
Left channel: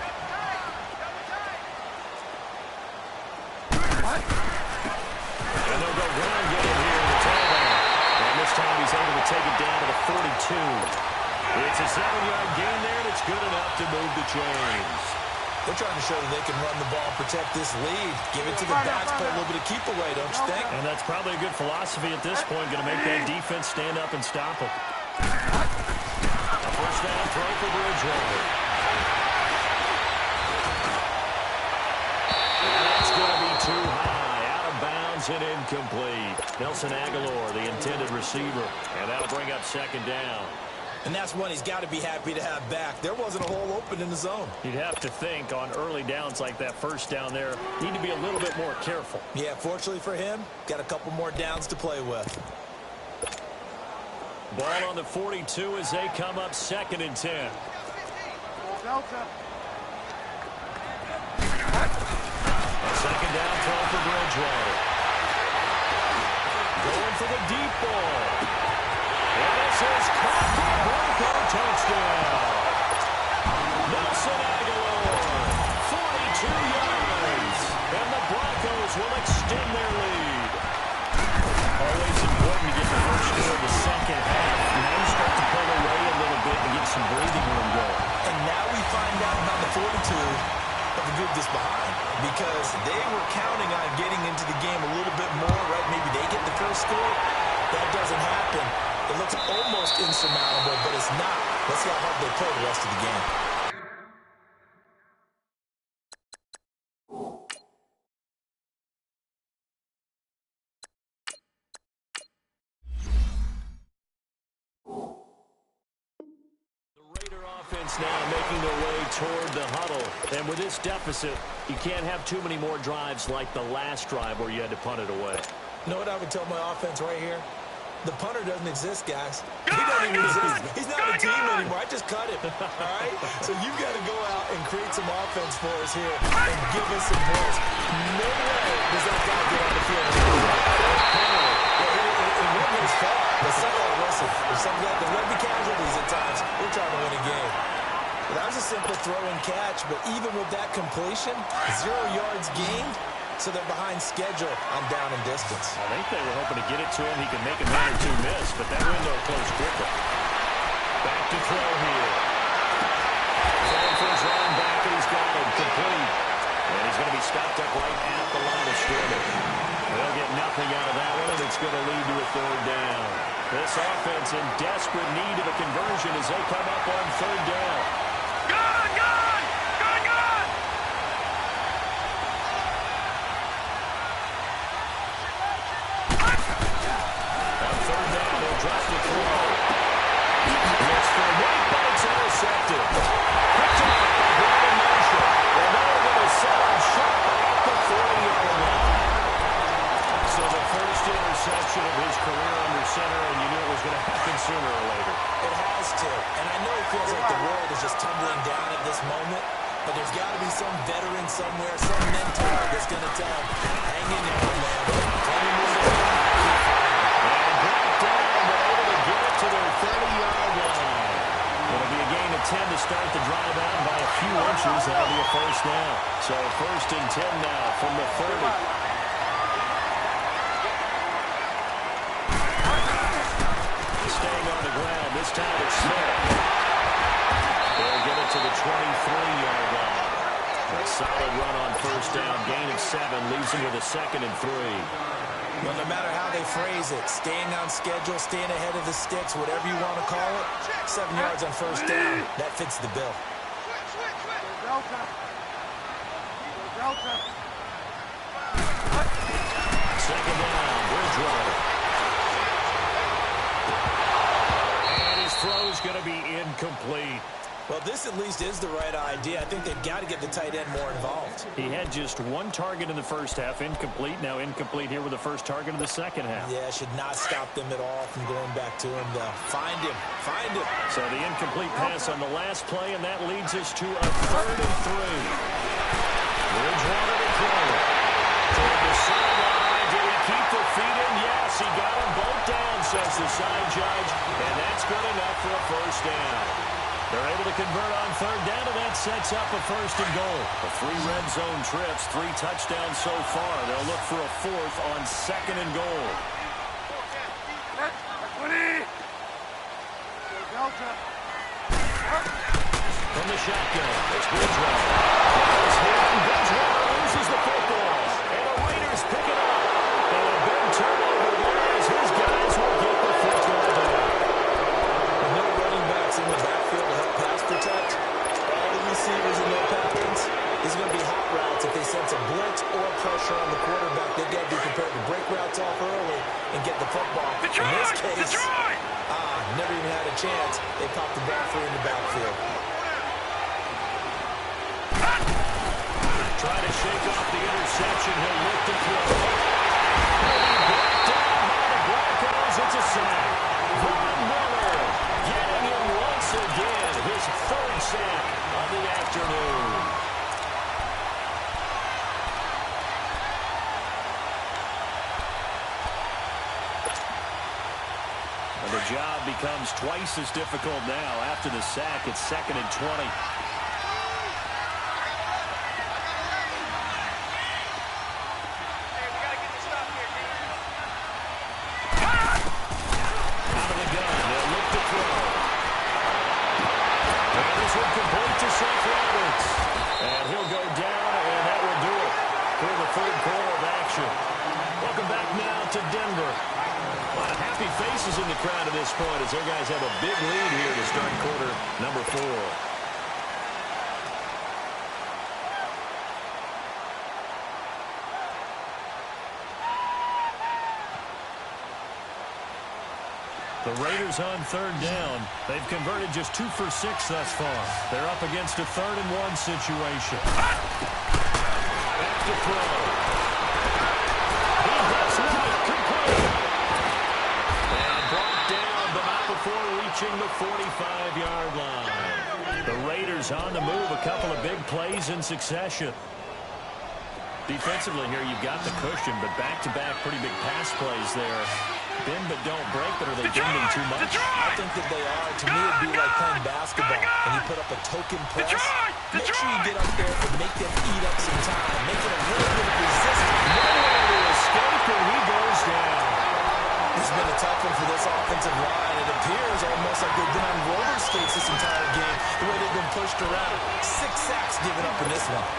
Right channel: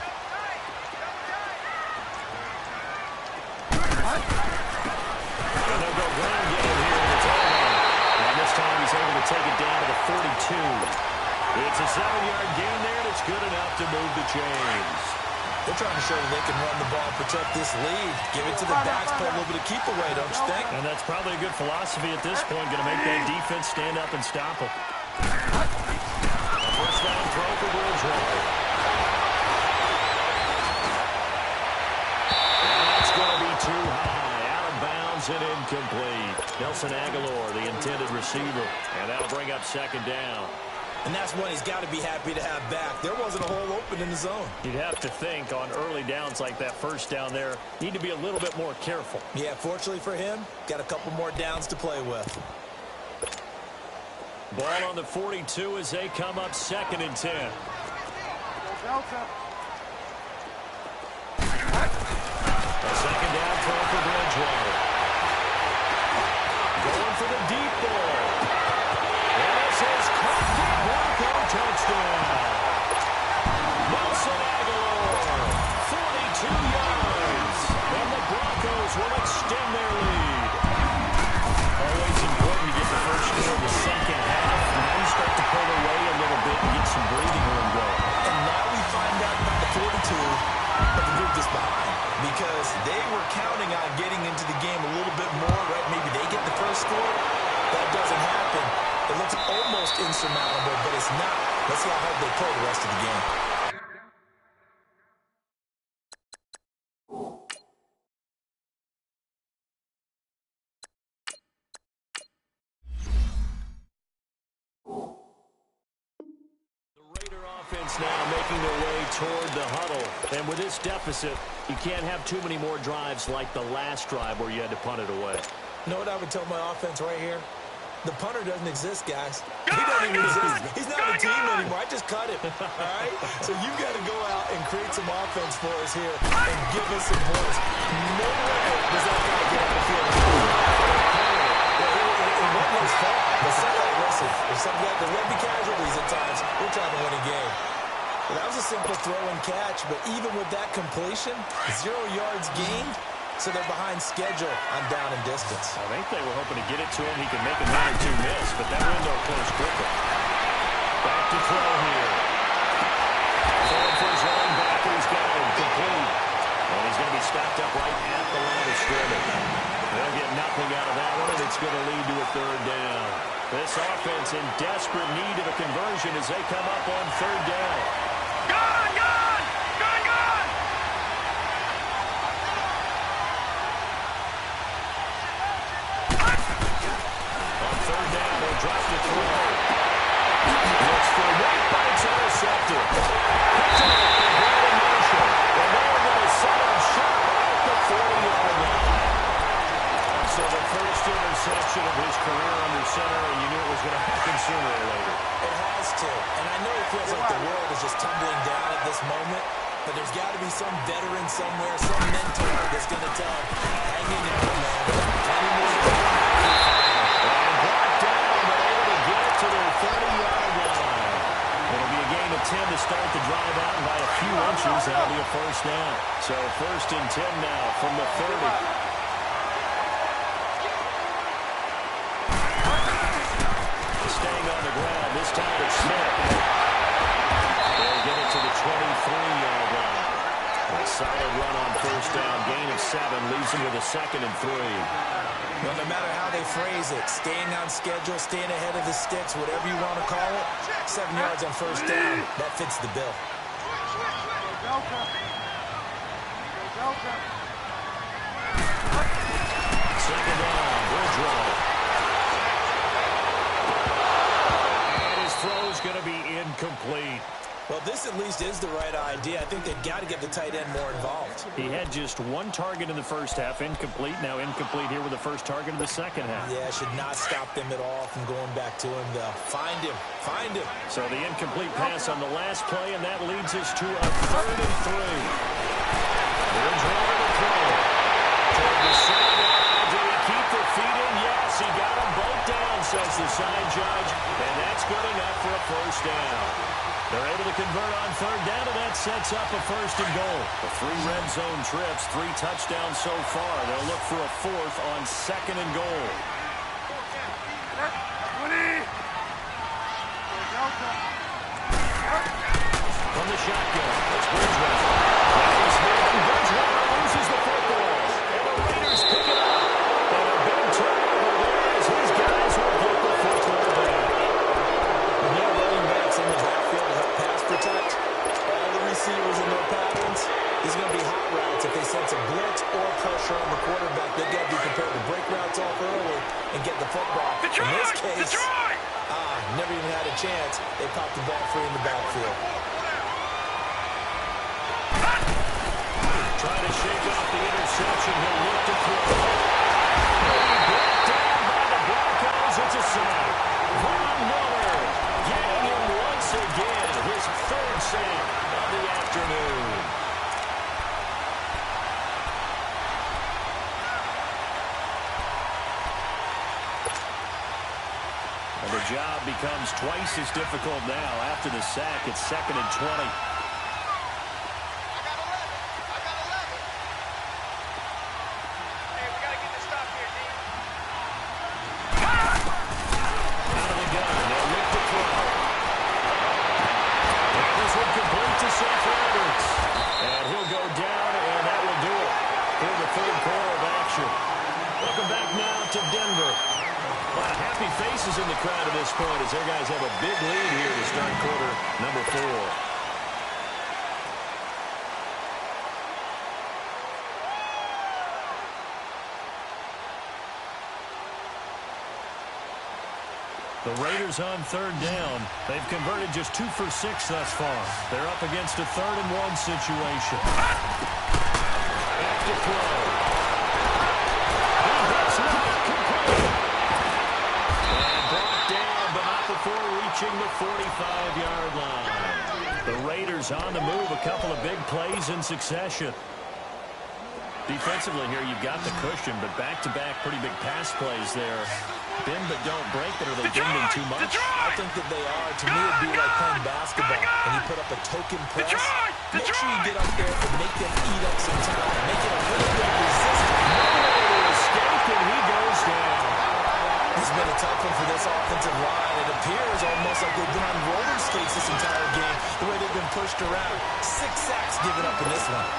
And they'll go ground game here in the tailback. And this time he's able to take it down to the 42. It's a 7-yard gain there, and it's good enough to move the chains. They're trying to show that they can run the ball and protect this lead. Give it to the backs, play a little bit of keep away, don't you think? And that's probably a good philosophy at this point, going to make that defense stand up and stop them. A 1st down throw for Bridgewater. And that's going to be too high. Out of bounds and incomplete. Nelson Aguilar, the intended receiver. And that'll bring up 2nd down. And that's one he's got to be happy to have back. There wasn't a hole open in the zone. You'd have to think on early downs like that 1st down there, need to be a little bit more careful. Yeah, fortunately for him, got a couple more downs to play with. Ball on the 42 as they come up 2nd and 10. Delta. A 2nd down throw for Bridgewater. Going for the deep ball. And this is caught for a Bronco touchdown. Nelson Aguilar, 42 yards. And the Broncos will extend their lead. Always important to get the first score of the 2nd half. Now you start to pull away a little bit and get some breathing room going. And now we find out about the 42 of the group that's behind, because they were counting on getting into the game a little bit more, right? Maybe they get the first score. That doesn't happen. It looks almost insurmountable, but it's not. Let's see how hard they play the rest of the game. Offense now making their way toward the huddle. And with this deficit, you can't have too many more drives like the last drive where you had to punt it away. You know what I would tell my offense right here? The punter doesn't exist, guys. He doesn't even exist. He's not a team anymore. I just cut him, all right? So you've got to go out and create some offense for us here and give us some points. No way does that guy get on the field. It wasn't his fault. But listen, there will be casualties at times. We're trying to win a game. But that was a simple throw and catch, but even with that completion, 0 yards gained, so they're behind schedule on down and distance. I think they were hoping to get it to him. He could make a 1 or 2 miss, but that window closed quickly. Back to throw here. Throwing for his running back, and he's got him complete. And he's going to be stopped up right at the line of scrimmage. They'll get nothing out of that one, and it's going to lead to a 3rd down. This offense in desperate need of a conversion as they come up on 3rd down. Gone! Gone! Gone! Gone! On 3rd down, he'll drop to throw. Looks for White, but it's intercepted. Picked up by Brandon Marshall. And now we're going to set up shop at the 40-yard line. So the first interception of his career under center, and you knew it was going to happen sooner or later. It has to. And I know it feels like the world is just tumbling down at this moment. But there's got to be some veteran somewhere, some mentor that's going to tell him, hang in there, man. Plenty more to go. And brought down, but able to get it to their 30-yard line. It'll be a gain of 10 to start the drive out, and by a few inches, that'll be a first down. So 1st and 10 now from the 30. Staying on the ground, this time it's Smith. They'll get it to the 23-yard line. A solid run on first down, gain of 7, leaves them with a 2nd and 3. Well, no matter how they phrase it, staying on schedule, staying ahead of the sticks, whatever you want to call it, 7 yards on first down, that fits the bill. Delta. Delta. 2nd down, Bridgewater. And his throw's going to be incomplete. Well, this at least is the right idea. I think they've got to get the tight end more involved. He had just 1 target in the first half, incomplete. Now incomplete here with the first target in the second half. Yeah, should not stop them at all from going back to him, though. Find him. Find him. So the incomplete pass on the last play, and that leads us to a 3rd and 3. Bridgewater to throw it. Toward the sideline. Did he keep the feet in? Yes, he got them both down, says the side judge. And that's good enough for a first down. They're able to convert on 3rd down, and that sets up a 1st and goal. The 3 red zone trips, 3 touchdowns so far. They'll look for a 4th on 2nd and goal. From the shotgun, it's Bridgewater. That is hit, and Bridgewater loses the football. And the Raiders pick it up. And a big turnover there as his guys will get the football back. With no running backs in the backfield to help pass protect, all the receivers in their patterns, these are going to be hot routes. If they sense a blitz or pressure on the quarterback, they've got to be prepared to break routes off early and get the football. In this case, never even had a chance. They popped the ball free in the backfield. Try to shake off the interception. He'll look to throw. Brought down by the Broncos. It's a sack. Von Miller getting him once again. His 3rd sack of the afternoon. And the job becomes twice as difficult now. After the sack, it's 2nd and 20. And he'll go down, and that will do it for the 3rd quarter of action. Welcome back now to Denver. A lot of happy faces in the crowd at this point as their guys have a big lead here to start quarter number 4. The Raiders on 3rd down. They've converted just 2 for 6 thus far. They're up against a 3rd and 1 situation. Back to throw. He gets right, complete. And brought down, but not before reaching the 45-yard line. The Raiders on the move, a couple of big plays in succession. Defensively here, you've got the cushion, but back-to-back pretty big pass plays there. Bend but don't break, but are they bending too much? I think that they are. To me, it'd be like playing basketball, and you put up a token press. Make sure you get up there and make them eat up some time. Make it a little bit of resistance. Nowhere to escape, and he goes down. It's been a tough one for this offensive line. It appears almost like they've been on roller skates this entire game, the way they've been pushed around. 6 sacks given up in this one.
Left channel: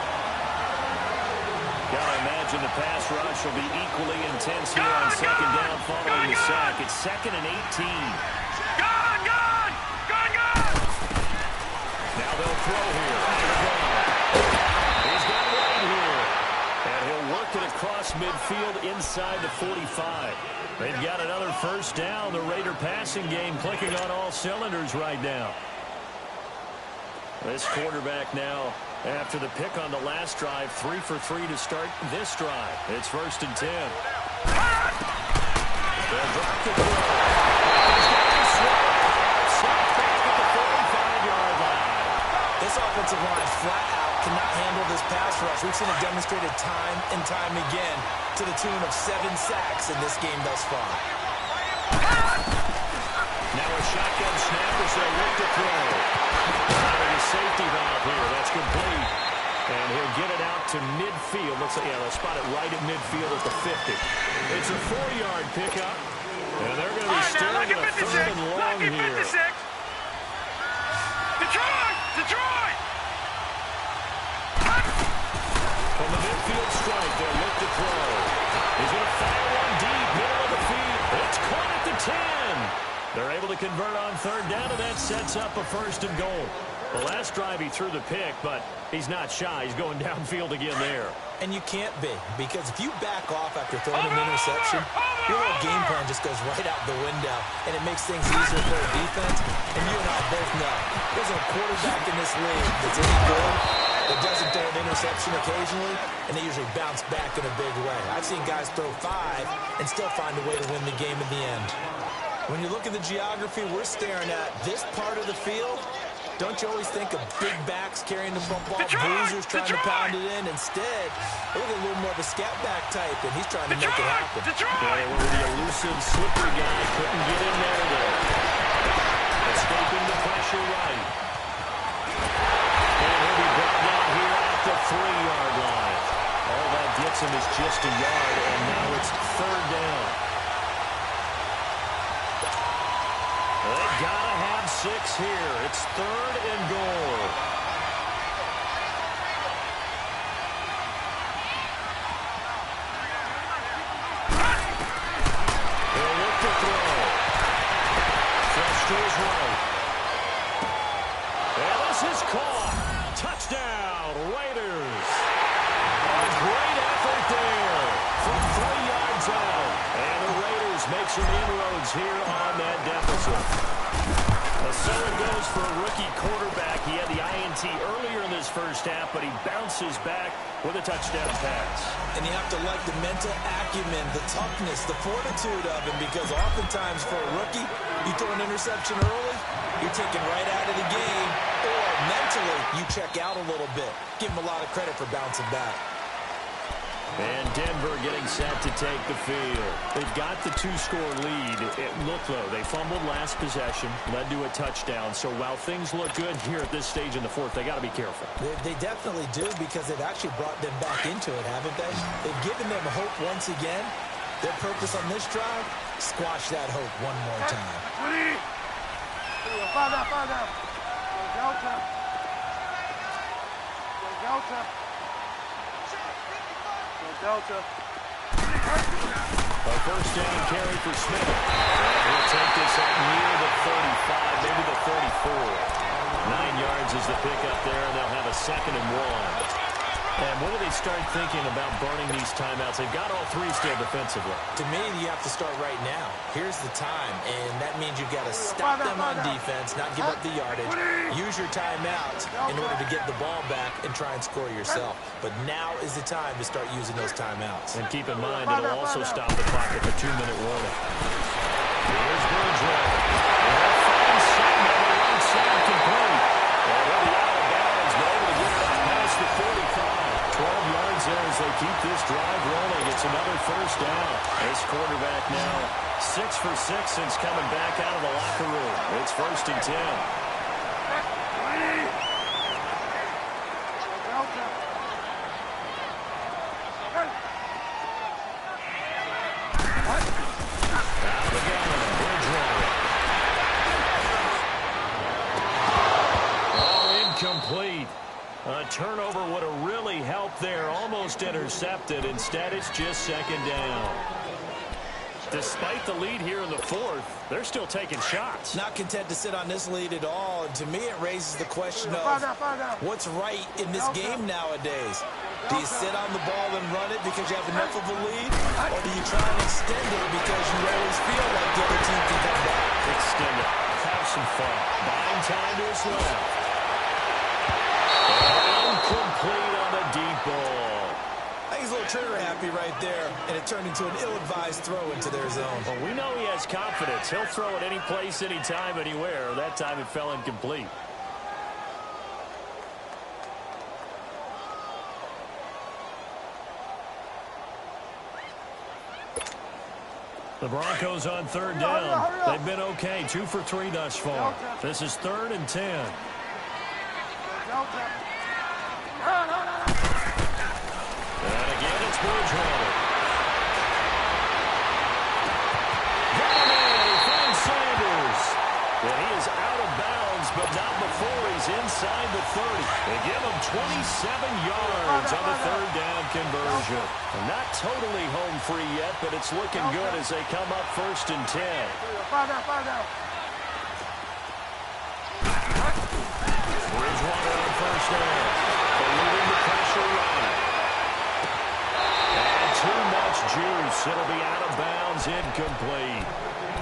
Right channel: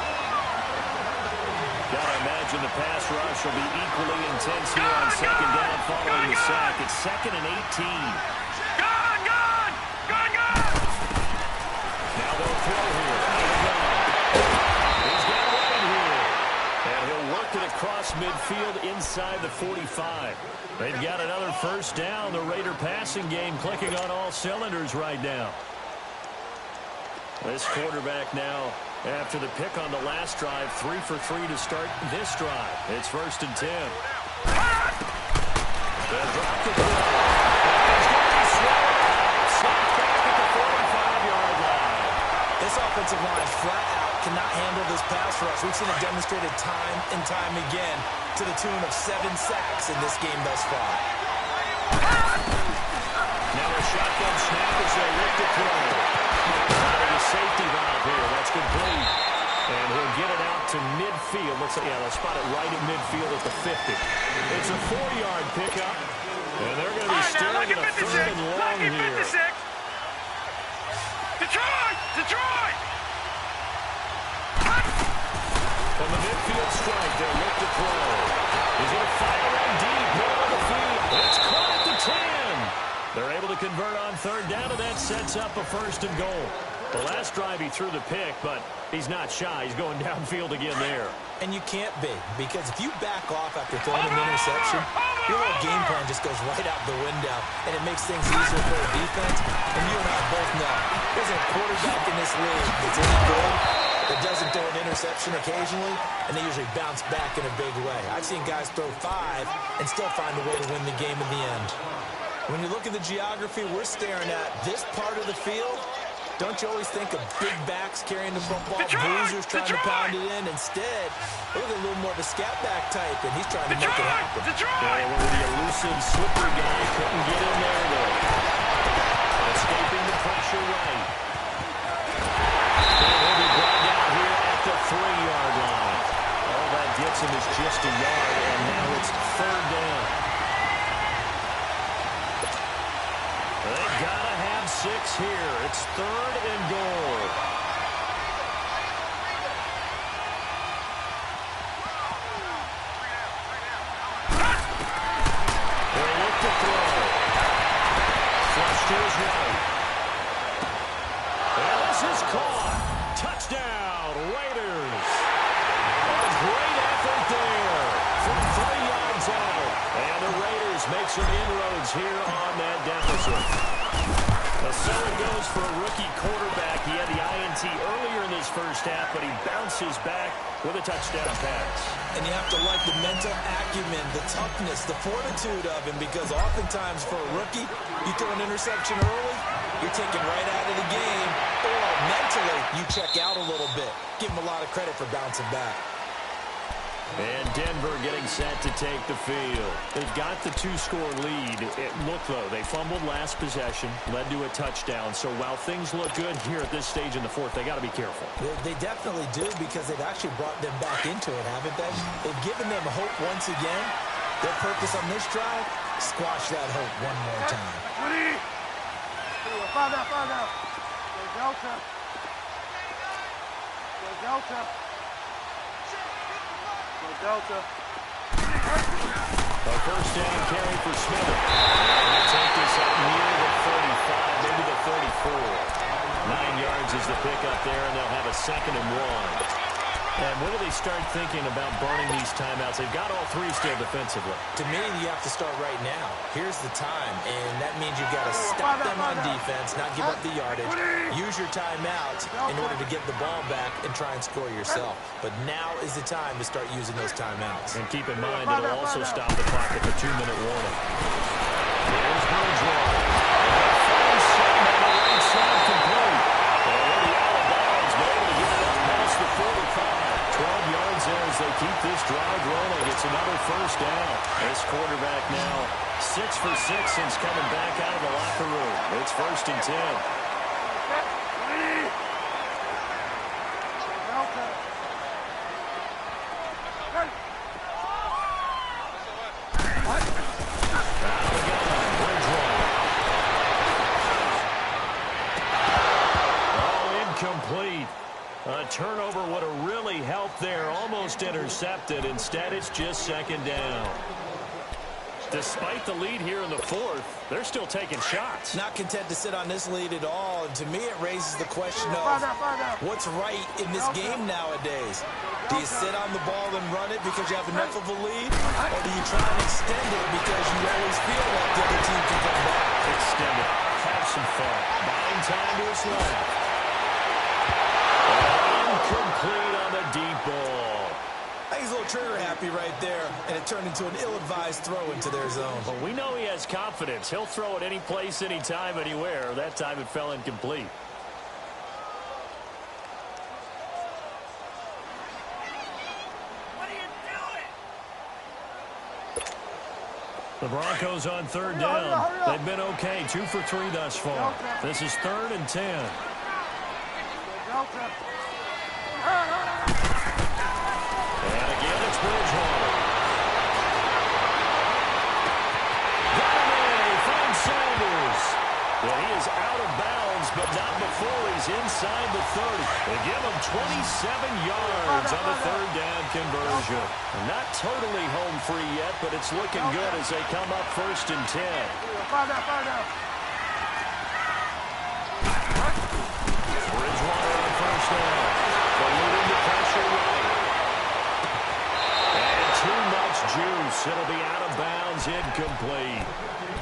Gotta imagine the pass rush will be equally intense here on 2nd down following the sack. It's 2nd and 18. Gone! Now they'll throw here. Out of the gun. He's got White here. And he'll work it across midfield inside the 45. They've got another 1st down. The Raider passing game clicking on all cylinders right now. This quarterback now, after the pick on the last drive, 3 for 3 to start this drive. It's 1st and 10. They'll drop the throw. He's going to be swapped. Sacked back at the 45-yard line. This offensive line flat out cannot handle this pass rush. We've seen it demonstrated time and time again to the tune of 7 sacks in this game thus far. Now a shotgun snap as they look to throw. Finding a safety valve here. That's complete. And he'll get it out to midfield. Looks like, yeah, they'll spot it right at midfield at the 50. It's a 4-yard pickup. And they're going to be staring at a 3rd and long here. Detroit! Detroit! From the midfield strike, they'll look to throw. He's going to fire one deep, middle of the field. It's caught at the 10. They're able to convert on 3rd down, and that sets up a 1st and goal. The last drive he threw the pick, but he's not shy. He's going downfield again there. And you can't be, because if you back off after throwing an interception, your whole game plan just goes right out the window, and it makes things easier for a defense. And you and I both know there's a quarterback in this league that's any good that doesn't throw an interception occasionally, and they usually bounce back in a big way. I've seen guys throw 5 and still find a way to win the game in the end. When you look at the geography we're staring at, this part of the field, don't you always think of big backs carrying the football, bruisers trying to pound it in? Instead, look at a little more of a scat back type, and he's trying to make it happen. Yeah, well, the elusive, slippery guy couldn't get in there, though. Escaping the pressure right. And he'll be brought down here at the 3-yard line. All that gets him is just a yard, and now it's 3rd down. They gotta have 6 here. It's 3rd and goal. They'll look to throw. Flush to his right. And this is caught. Touchdown, Raiders. A great effort there from 3 yards out. And the Raiders make some inroads here on that deficit. So it goes for a rookie quarterback. He had the INT earlier in this first half, but he bounces back with a touchdown pass. And you have to like the mental acumen, the toughness, the fortitude of him, because oftentimes for a rookie, you throw an interception early, you're taken right out of the game, or mentally you check out a little bit. Give him a lot of credit for bouncing back. And Denver getting set to take the field. They've got the 2-score lead. Look, though, they fumbled last possession, led to a touchdown. So while things look good here at this stage in the 4th, they got to be careful. They definitely do, because they've actually brought them back into it, haven't they? They've given them hope once again. Their purpose on this drive, squash that hope one more time. 20. Five down. Go Delta. Go Delta. Delta. A 1st down carry for Smith. And he'll take this up near the 35, maybe the 34. 9 yards is the pickup there, and they'll have a 2nd and 1. And when do they start thinking about burning these timeouts? They've got all 3 still defensively. To me, you have to start right now. Here's the time, and that means you've got to stop them on defense, not give up the yardage. Use your timeouts in order to get the ball back and try and score yourself. But now is the time to start using those timeouts. And keep in mind, it'll also stop the clock at the 2-minute warning. Here's Bridgewater. And they'll find some on the right side complete. And they'll be out of bounds, but able to get it up past the 45. 12 yards there as they keep this drive rolling. It's another 1st down. This quarterback now 6 for 6 since coming back out of the locker room. It's 1st and 10. 20. Delta. Out of the gun, Bridgewater. Oh, incomplete. A turnover would have really helped there. Almost intercepted. Instead, it's just 2nd down. Despite the lead here in the 4th, they're still taking shots. Not content to sit on this lead at all. And to me, it raises the question of what's right in this game nowadays. Do you sit on the ball and run it because you have enough of a lead? Or do you try and extend it because you always feel like the other team can come back? Extend it. Have some fun. Buying time to his left. Incomplete on the deep ball. I think he's a little trigger happy right there, and it turned into an ill-advised throw into their zone. Well, we know he has confidence. He'll throw it any place, anytime, anywhere. That time it fell incomplete. The Broncos on third down. They've been okay, 2 for 3 thus far. This is 3rd and 10. Delta. And again, it's Bridgewater. Got him in. He finds Sanders. And he is out of bounds, but not before he's inside the 30. They give him 27 yards on the 3rd down conversion. And not totally home free yet, but it's looking good as they come up 1st and 10. Fire down. Bridgewater on 1st down. Alluding to pressure right. And too much juice. It'll be out of bounds, incomplete.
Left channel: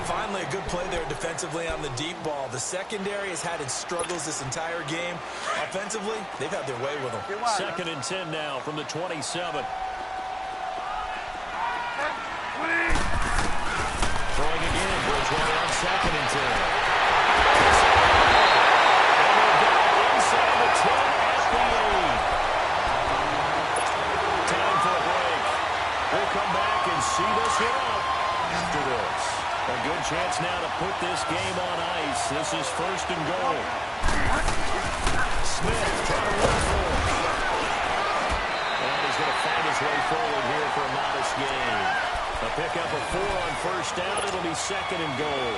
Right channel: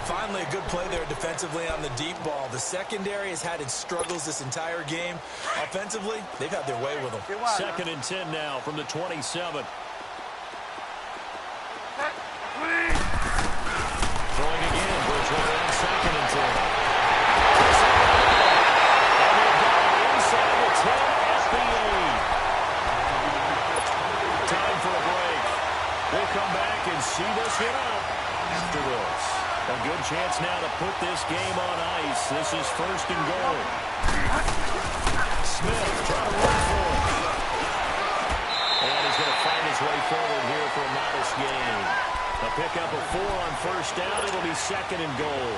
Finally, a good play there defensively on the deep ball. The secondary has had its struggles this entire game. Offensively, they've had their way with them. 2nd and 10 now from the 27. Throwing again, Bridgewater on 2nd and 10. And they've got it inside the 10 at the 8. Time for a break. We'll come back and see this one out after this. A good chance now to put this game on ice. This is 1st and goal. Smith trying to run for it. And he's going to find his way forward here for a modest gain. A pickup of 4 on 1st down. It'll be 2nd and goal.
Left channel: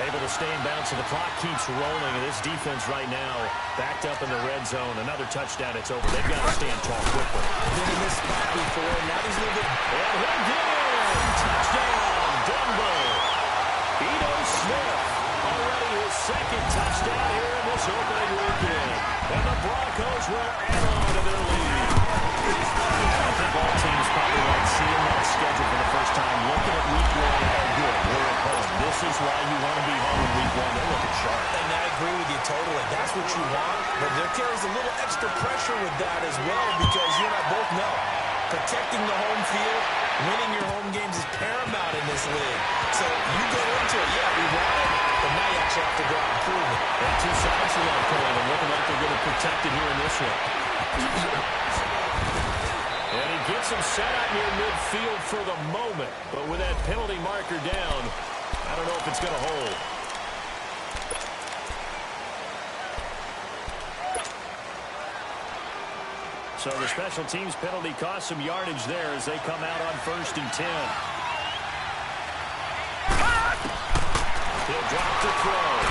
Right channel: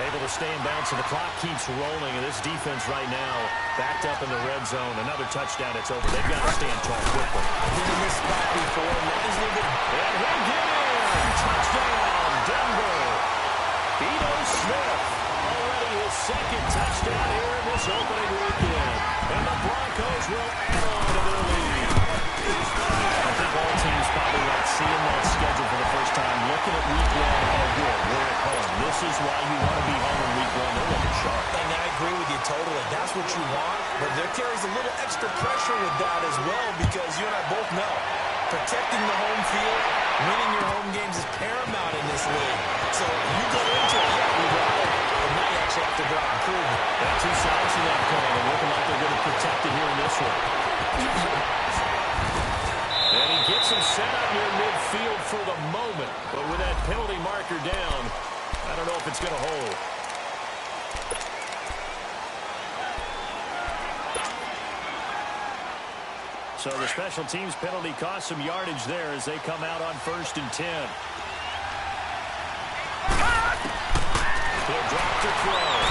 Able to stay in bounds, so the clock keeps rolling. And this defense right now backed up in the red zone. Another touchdown, it's over. They've got to stand tall quickly. Been in this spot before. Now there's a little bit. And he'll get in. Touchdown, Denver. Ito Smith, already his 2nd touchdown here in this opening weekend. And the Broncos will add on to their lead. I think all teams probably like seeing that schedule for the first time. Looking at week 1, oh good, we're at home. This is why you want to be home in week 1. They're looking sharp. And I agree with you totally. That's what you want. But there carries a little extra pressure with that as well, because you and I both know protecting the home field, winning your home games is paramount in this league. So you go into it, yeah, we want it, but now you actually have to go out and prove it. And 2 sides to that coin, and looking like they're going to protect it here in this one. And he gets him set up near midfield for the moment. But with that penalty marker down, I don't know if it's going to hold. So the special teams penalty cost some yardage there as they come out on 1st and 10. He'll drop to throw.